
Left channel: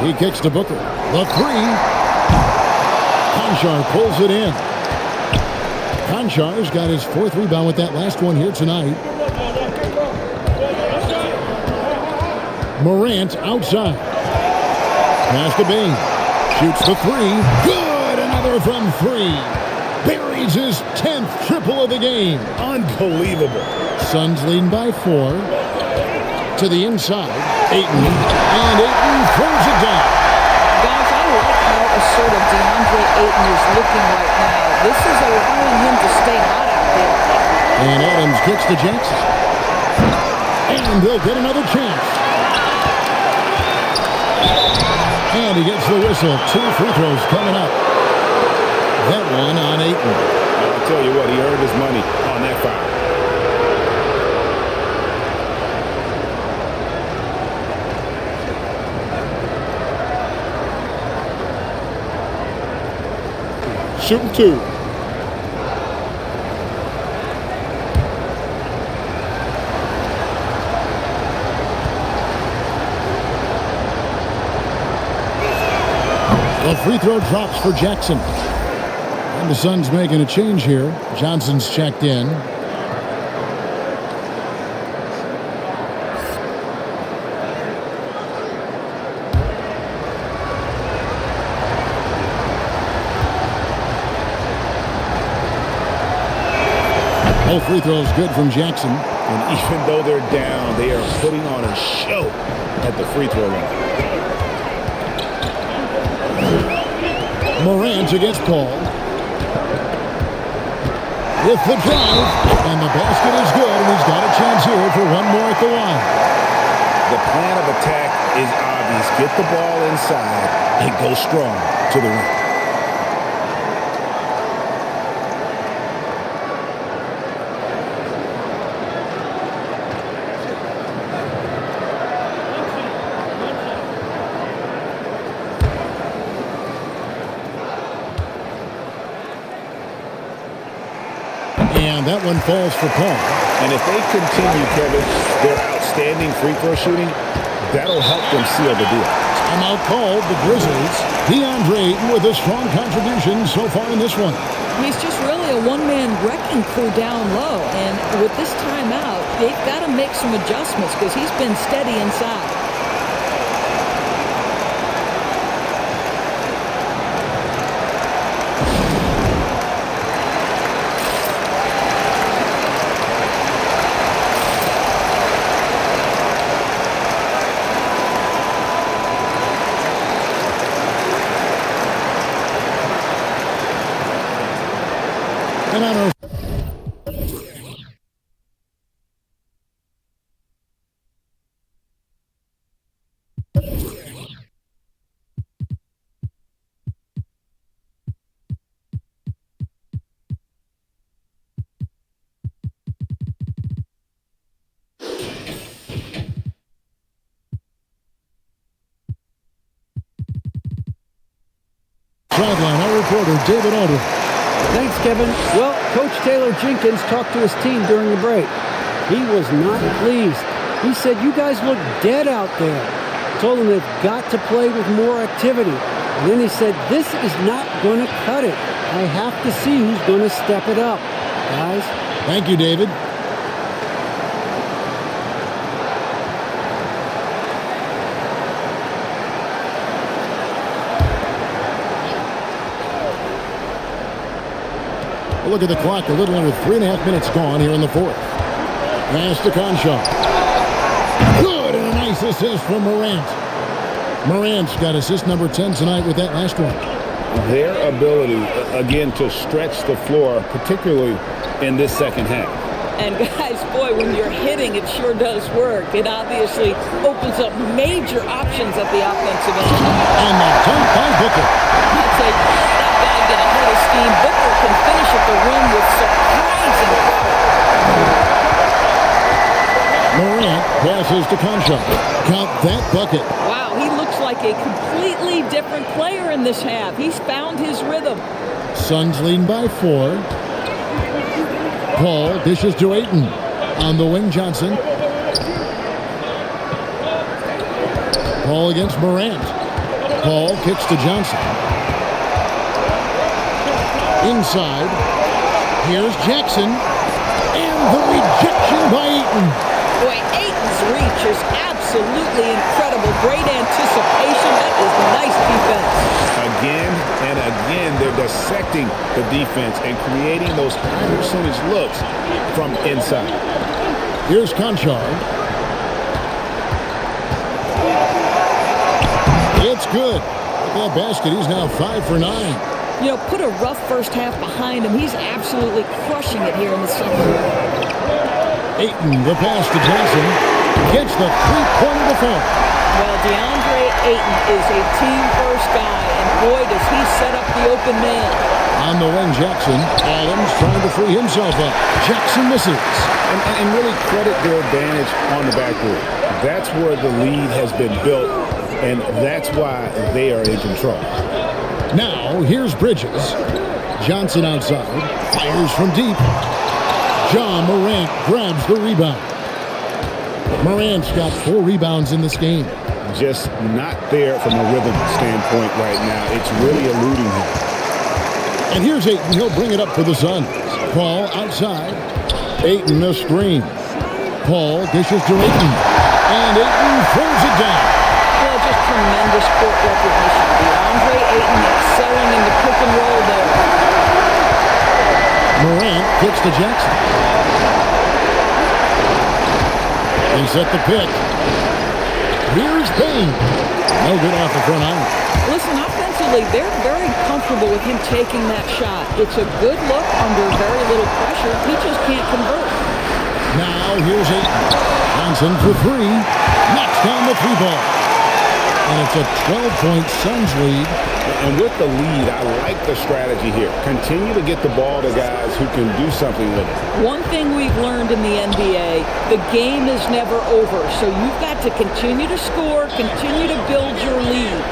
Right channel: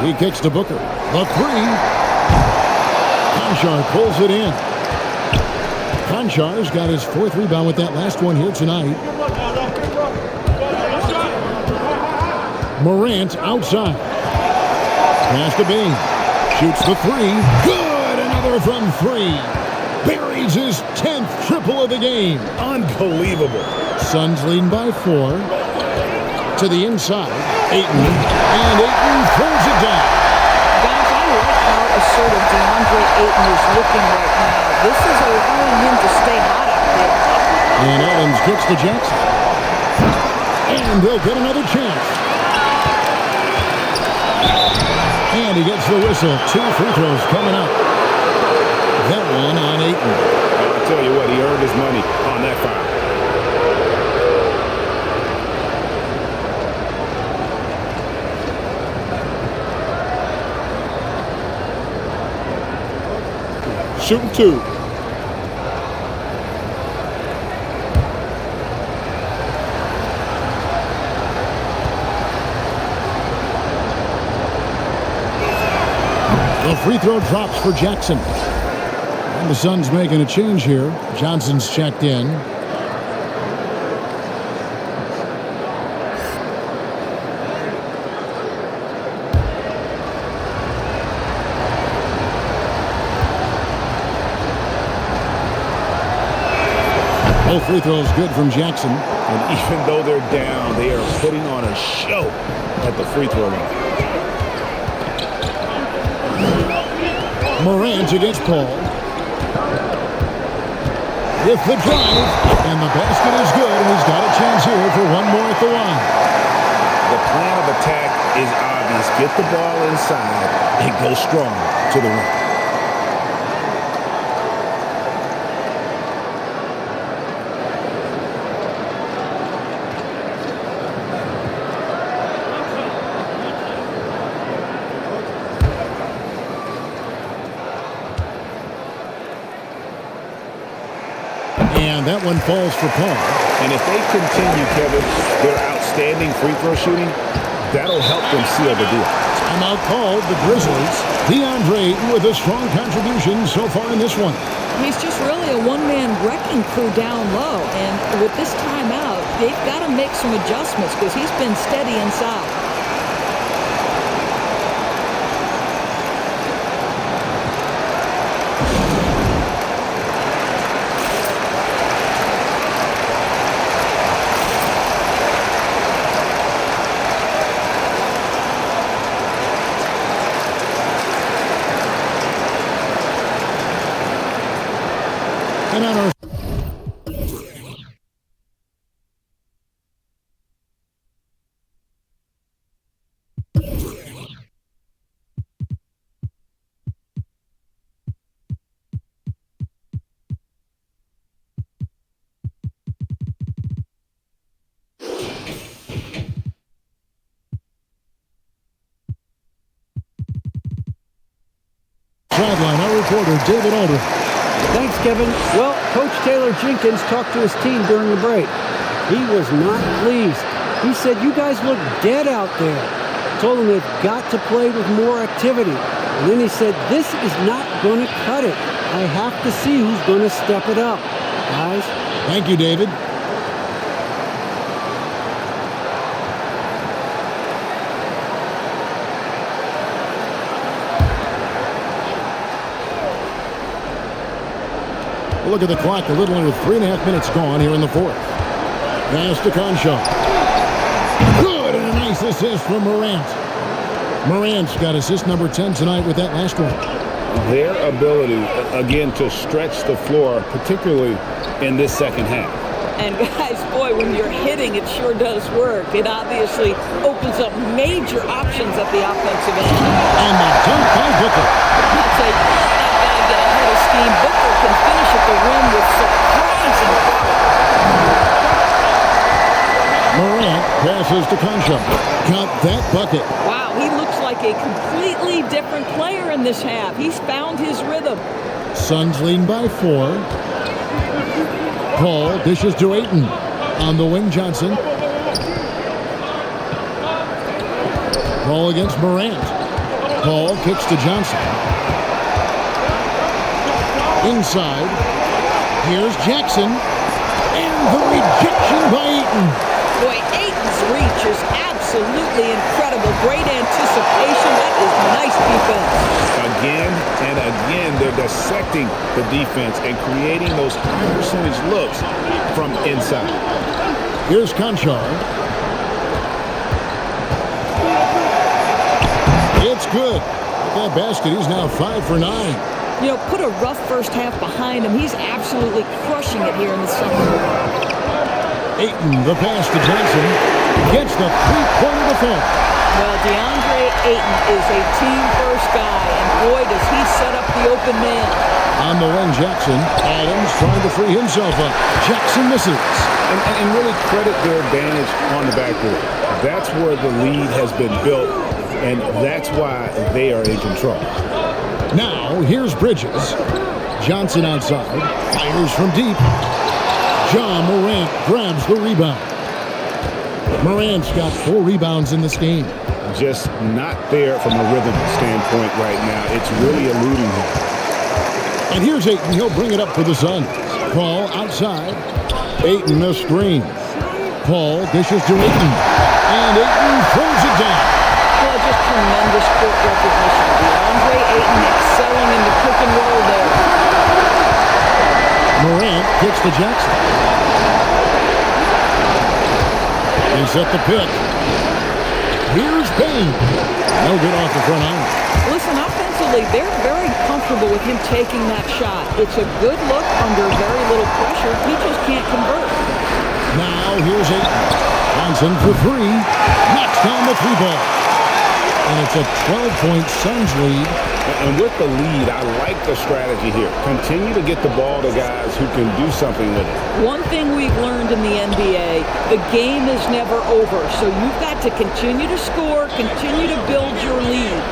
He kicks to Booker. The 3. Konchar pulls it in. Konchar's got his 4th rebound with that last one here tonight. Morant outside. Pass to Bain. Shoots the 3. Good! Another from 3. Buries his 10th triple of the game. Unbelievable. Suns leading by 4. To the inside. Ayton. And Ayton throws it down. Guys, I like how assertive DeAndre Ayton is looking right now. This is allowing him to stay hot out there. And Adams kicks to Jackson. And they'll get another chance. And he gets the whistle. 2 free throws coming up. That one on Ayton. I'll tell you what, he earned his money on that foul. Shooting 2. The free throw drops for Jackson. And the Suns making a change here. Johnson's checked in. Both free throws good from Jackson. And even though they're down, they are putting on a show at the free throw line. Morant against Paul. With the drive, and the basket is good, and he's got a chance here for one more at the line. The plan of attack is obvious. Get the ball inside and go strong to the rim. And that one falls for Paul. And if they continue, Kevin, their outstanding free throw shooting, that'll help them seal the deal. Timeout called the Grizzlies. DeAndre Ayton with a strong contribution so far in this one. He's just really a one-man wrecking crew down low. And with this timeout, they've got to make some adjustments because he's been steady inside. And on our sideline, our reporter David Aldridge. Thanks, Kevin. Well, Coach Taylor Jenkins talked to his team during the break. He was not pleased. He said, "You guys look dead out there." Told them they've got to play with more activity. And then he said, "This is not going to cut it. I have to see who's going to step it up, guys." Thank you, David. Look at the clock. A little under 3.5 minutes gone here in the fourth. Pass to Conchar. Good, and a nice assist from Morant. Morant's got assist number 10 tonight with that last one. Their ability, again, to stretch the floor, particularly in this second half. And guys, boy, when you're hitting, it sure does work. It obviously opens up major options at the offensive end. And the dunk by Booker. I'll tell you, let that guy get ahead of steam. Booker can finish at the rim with surprising power. Morant passes to Conchar. Got that bucket. Wow, he looks like a completely different player in this half. He's found his rhythm. Suns leading by 4. Paul dishes to Ayton. On the wing, Johnson. Paul against Morant. Paul kicks to Johnson. Inside. Here's Jackson. And the rejection by Ayton. Boy, Ayton's reach is absolutely incredible. Great anticipation. That is nice defense. Again and again, they're dissecting the defense and creating those high percentage looks from inside. Here's Conchar. It's good. With that basket, he's now 5 for 9. You know, put a rough first half behind him. He's absolutely crushing it here in the second. Ayton, the pass to Johnson, gets the three-pointer to fall. Well, DeAndre Ayton is a team-first guy, and boy, does he set up the open man. On the wing, Jackson. Adams trying to free himself up. Jackson misses. And really credit their advantage on the backboard. That's where the lead has been built, and that's why they are in control. Now, here's Bridges. Johnson outside. Fires from deep. Ja Morant grabs the rebound. Morant's got 4 rebounds in this game. Just not there from a rhythm standpoint right now. It's really eluding him. And here's Ayton. He'll bring it up for the Suns. Paul outside. Ayton a screen. Paul dishes to Ayton. And Ayton throws it down. Well, just tremendous court recognition. DeAndre Ayton excelling in the pick and roll there. Morant kicks to Jackson. They set the pick. Here's Payne. No good off the front iron. Listen, offensively, they're very comfortable with him taking that shot. It's a good look under very little pressure. He just can't convert. Now here's Ayton. Johnson for three. Knocks down the three ball. And it's a 12-point Suns lead. And with the lead, I like the strategy here. Continue to get the ball to guys who can do something with it. One thing we've learned in the NBA, the game is never over. So you've got to continue to score, continue to build your lead.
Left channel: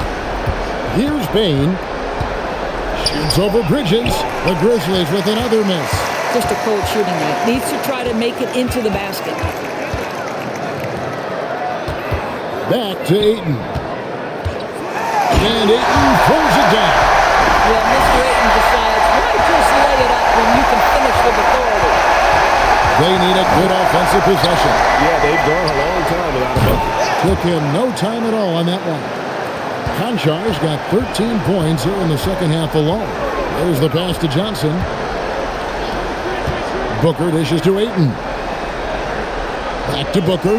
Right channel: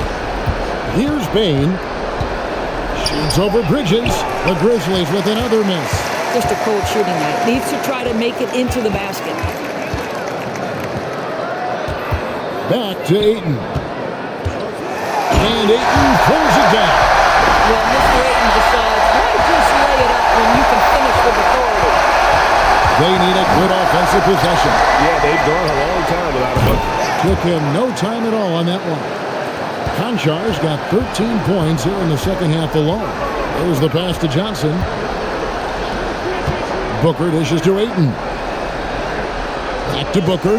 Here's Payne. Shoots over Bridges. The Grizzlies with another miss. Just a cold shooting night. Needs to try to make it into the basket. Back to Ayton. And Ayton throws it down. Well, Mr. Ayton decides, why just lay it up when you can finish with authority? They need a good offensive possession. Yeah, they've gone a long time without a bucket. Took him no time at all on that one. Konchar's got 13 points here in the second half alone. There's the pass to Johnson. Booker dishes to Ayton. Back to Booker.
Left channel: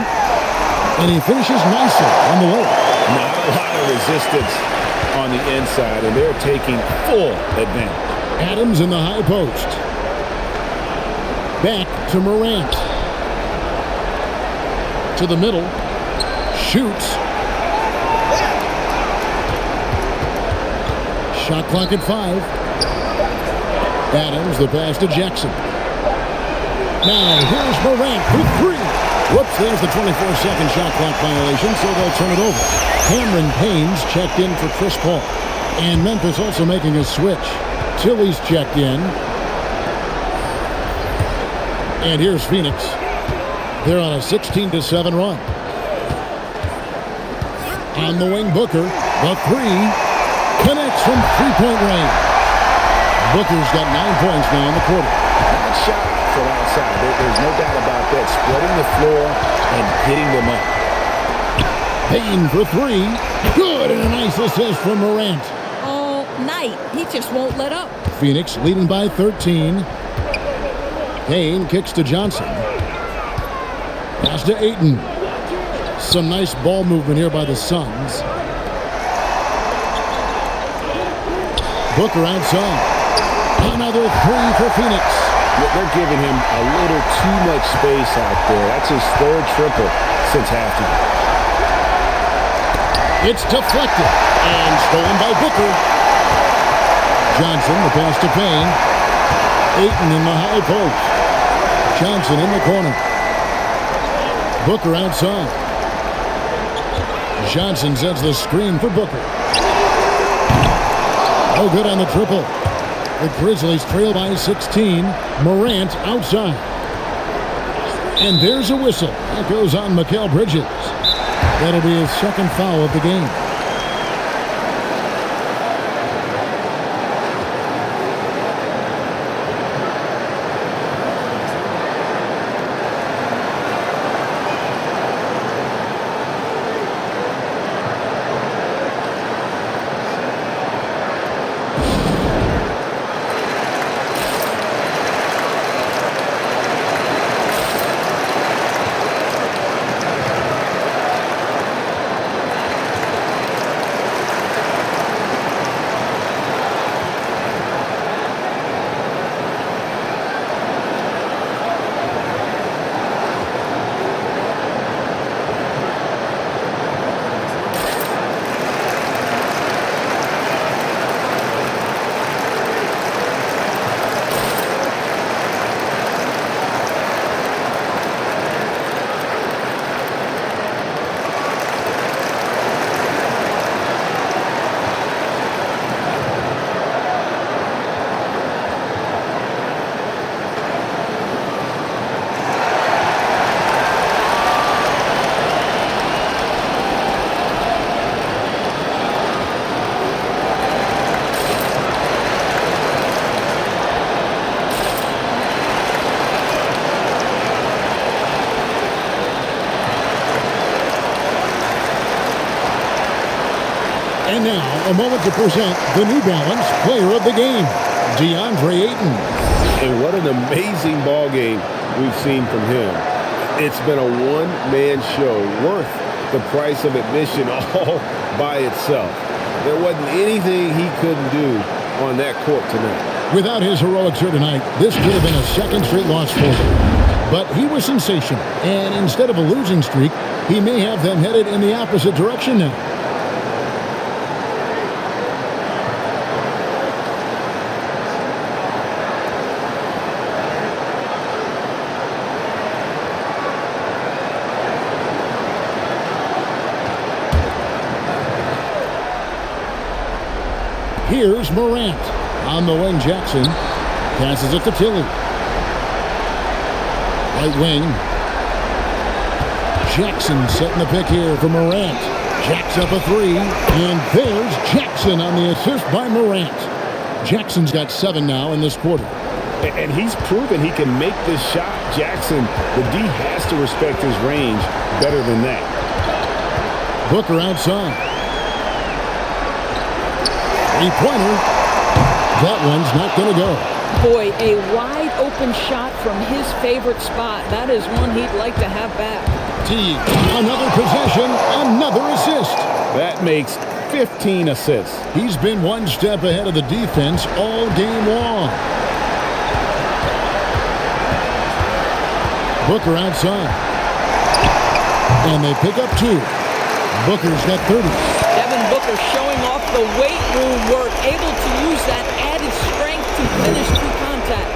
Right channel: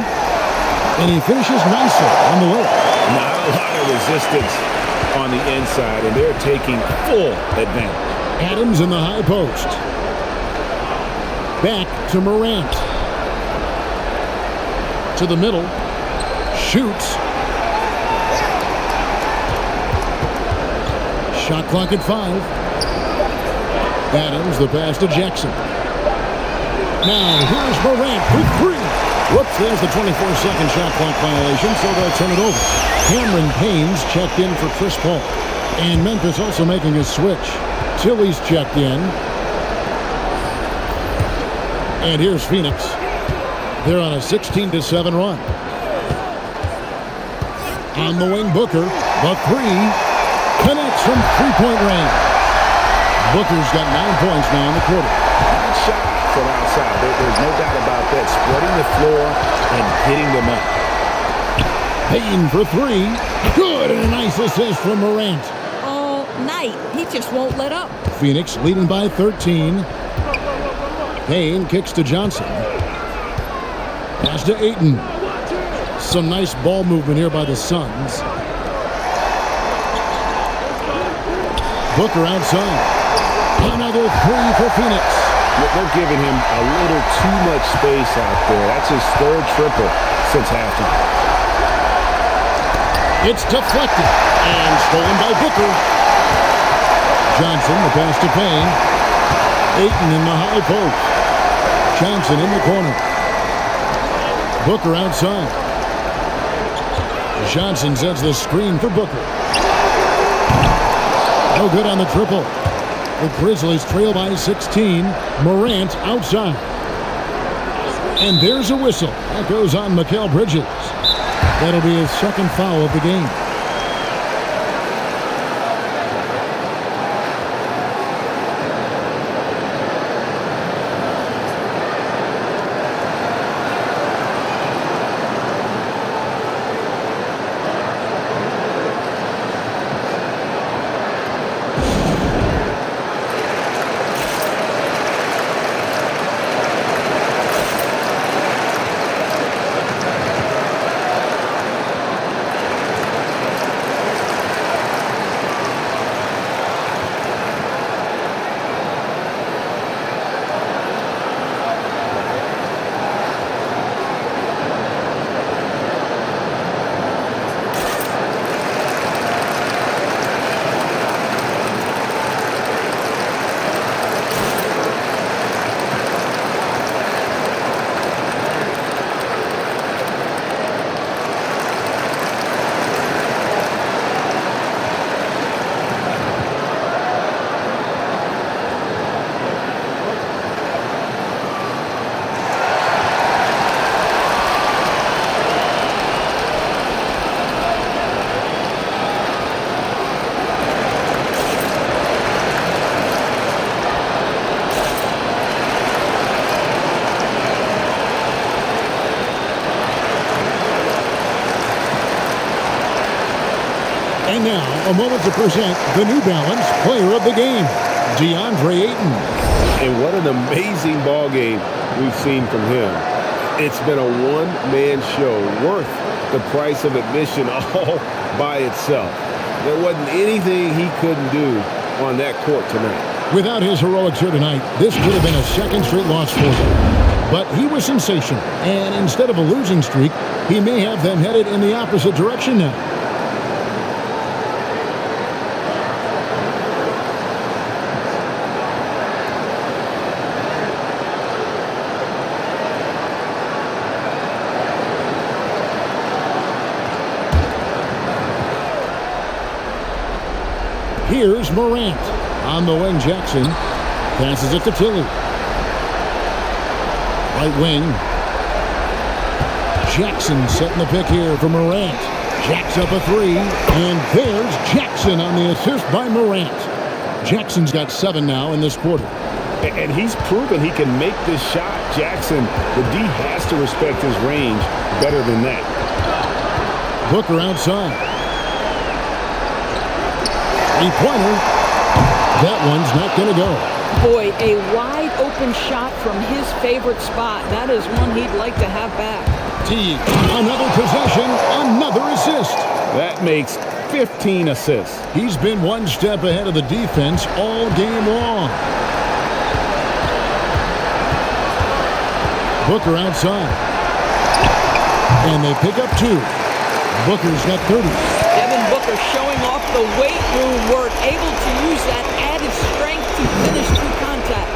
And he finishes nicely on the layup. Not a lot of resistance on the inside, and they're taking full advantage. Adams in the high post. Back to Morant. To the middle. Shoots. Shot clock at 5. Adams, the pass to Jackson. Now here's Morant for three. Whoops, there's the 24-second shot clock violation, so they'll turn it over. Cameron Payne's checked in for Chris Paul. And Memphis also making a switch. Tilly's checked in. And here's Phoenix. They're on a 16-7 run. On the wing, Booker. The three. Connects from three-point range. Booker's got 9 points now in the quarter. Not shy from outside. There's no doubt about that. Spreading the floor and getting them up. Payne for three. Good, and a nice assist from Morant. All night. He just won't let up. Phoenix leading by 13. Payne kicks to Johnson. Pass to Ayton. Some nice ball movement here by the Suns. Booker outside. Another three for Phoenix. They're giving him a little too much space out there. That's his third triple since halftime. It's deflected and stolen by Booker. Johnson, the pass to Payne. Ayton in the high post. Johnson in the corner. Booker outside. Johnson sets the screen for Booker. No good on the triple. The Grizzlies trail by 16. Morant outside. And there's a whistle. That goes on Mikal Bridges. That'll be his second foul of the game. And now, a moment to present the New Balance Player of the Game, DeAndre Ayton. And what an amazing ball game we've seen from him. It's been a one-man show worth the price of admission all by itself. There wasn't anything he couldn't do on that court tonight. Without his heroics here tonight, this could have been a second straight loss for them. But he was sensational, and instead of a losing streak, he may have them headed in the opposite direction now. Here's Morant. On the wing, Jackson passes it to Tilly. Right wing. Jackson setting the pick here for Morant. Jacks up a three, and there's Jackson on the assist by Morant. Jackson's got 7 now in this quarter. And he's proven he can make this shot. Jackson, the D has to respect his range better than that. Booker outside. Three-pointer. That one's not going to go. Boy, a wide open shot from his favorite spot. That is one he'd like to have back. T, another possession, another assist. That makes 15 assists. He's been one step ahead of the defense all game long. Booker outside. And they pick up 2. Booker's got 30. Devin Booker showing off the weight room work, able to use that added strength to finish through contact.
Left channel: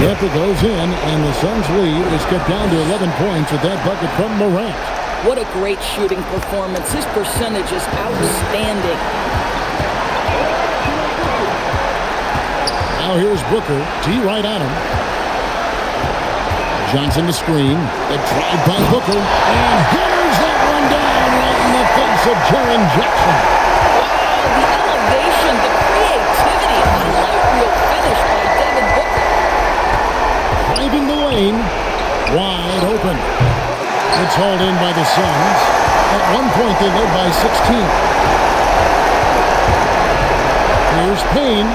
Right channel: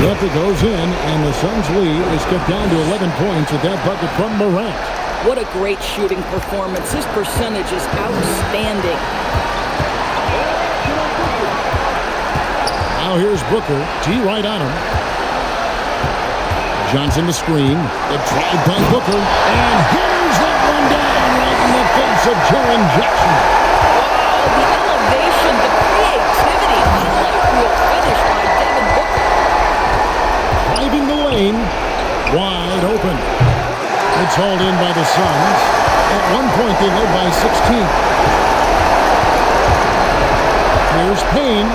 Yep, it goes in, and the Suns' lead is cut down to 11 points with that bucket from Morant. What a great shooting performance. His percentage is outstanding. Now here's Booker. T right on him. Johnson the screen. The drive by Booker. And hammers that one down right in the face of Jaren Jackson. Wow, the elevation, the creativity, highlight reel finish by Devin Booker. Driving the lane. Wide open. It's hauled in by the Suns. At one point, they led by 16. Here's Payne.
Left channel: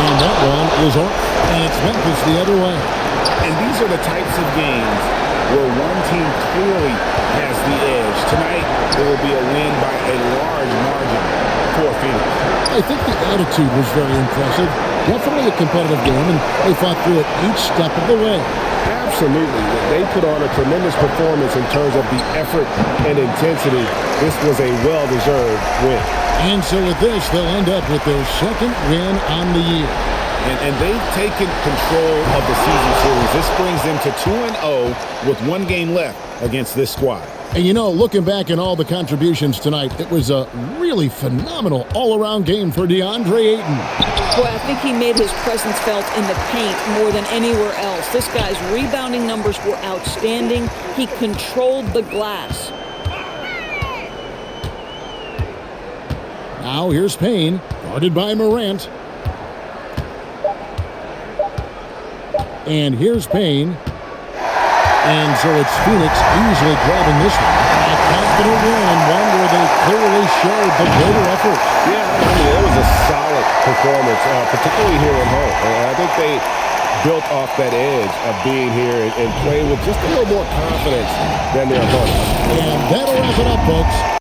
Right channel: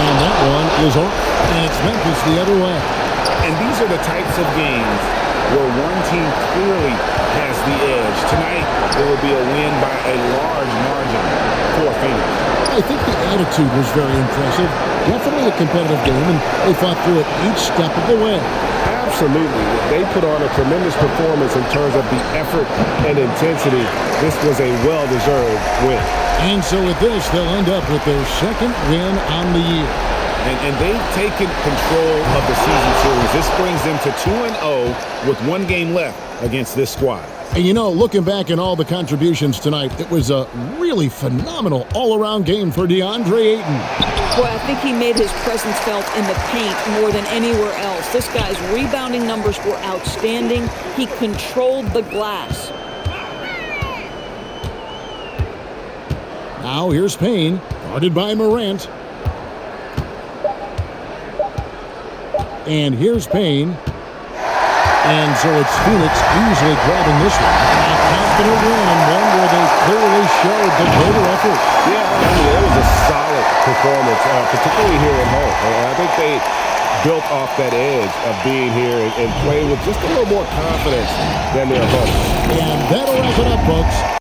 And that one is off. And it's Memphis the other way. And these are the types of games where one team clearly has the edge. Tonight, it will be a win by a large margin for Phoenix. I think the attitude was very impressive. Definitely a competitive game, and they fought through it each step of the way. Absolutely. They put on a tremendous performance in terms of the effort and intensity. This was a well-deserved win. And so with this, they'll end up with their second win on the year. And they've taken control of the season series. This brings them to 2-0 with one game left against this squad. And you know, looking back at all the contributions tonight, it was a really phenomenal all-around game for DeAndre Ayton. Boy, I think he made his presence felt in the paint more than anywhere else. This guy's rebounding numbers were outstanding. He controlled the glass. Now here's Payne, guarded by Morant. And here's Payne. And so it's Phoenix easily grabbing this one. A confident win and one where they clearly showed the greater effort. Yeah, I mean, it was a solid performance, particularly here at home. And I think they built off that edge of being here and played with just a little more confidence than their opponents. And that'll wrap it up, folks.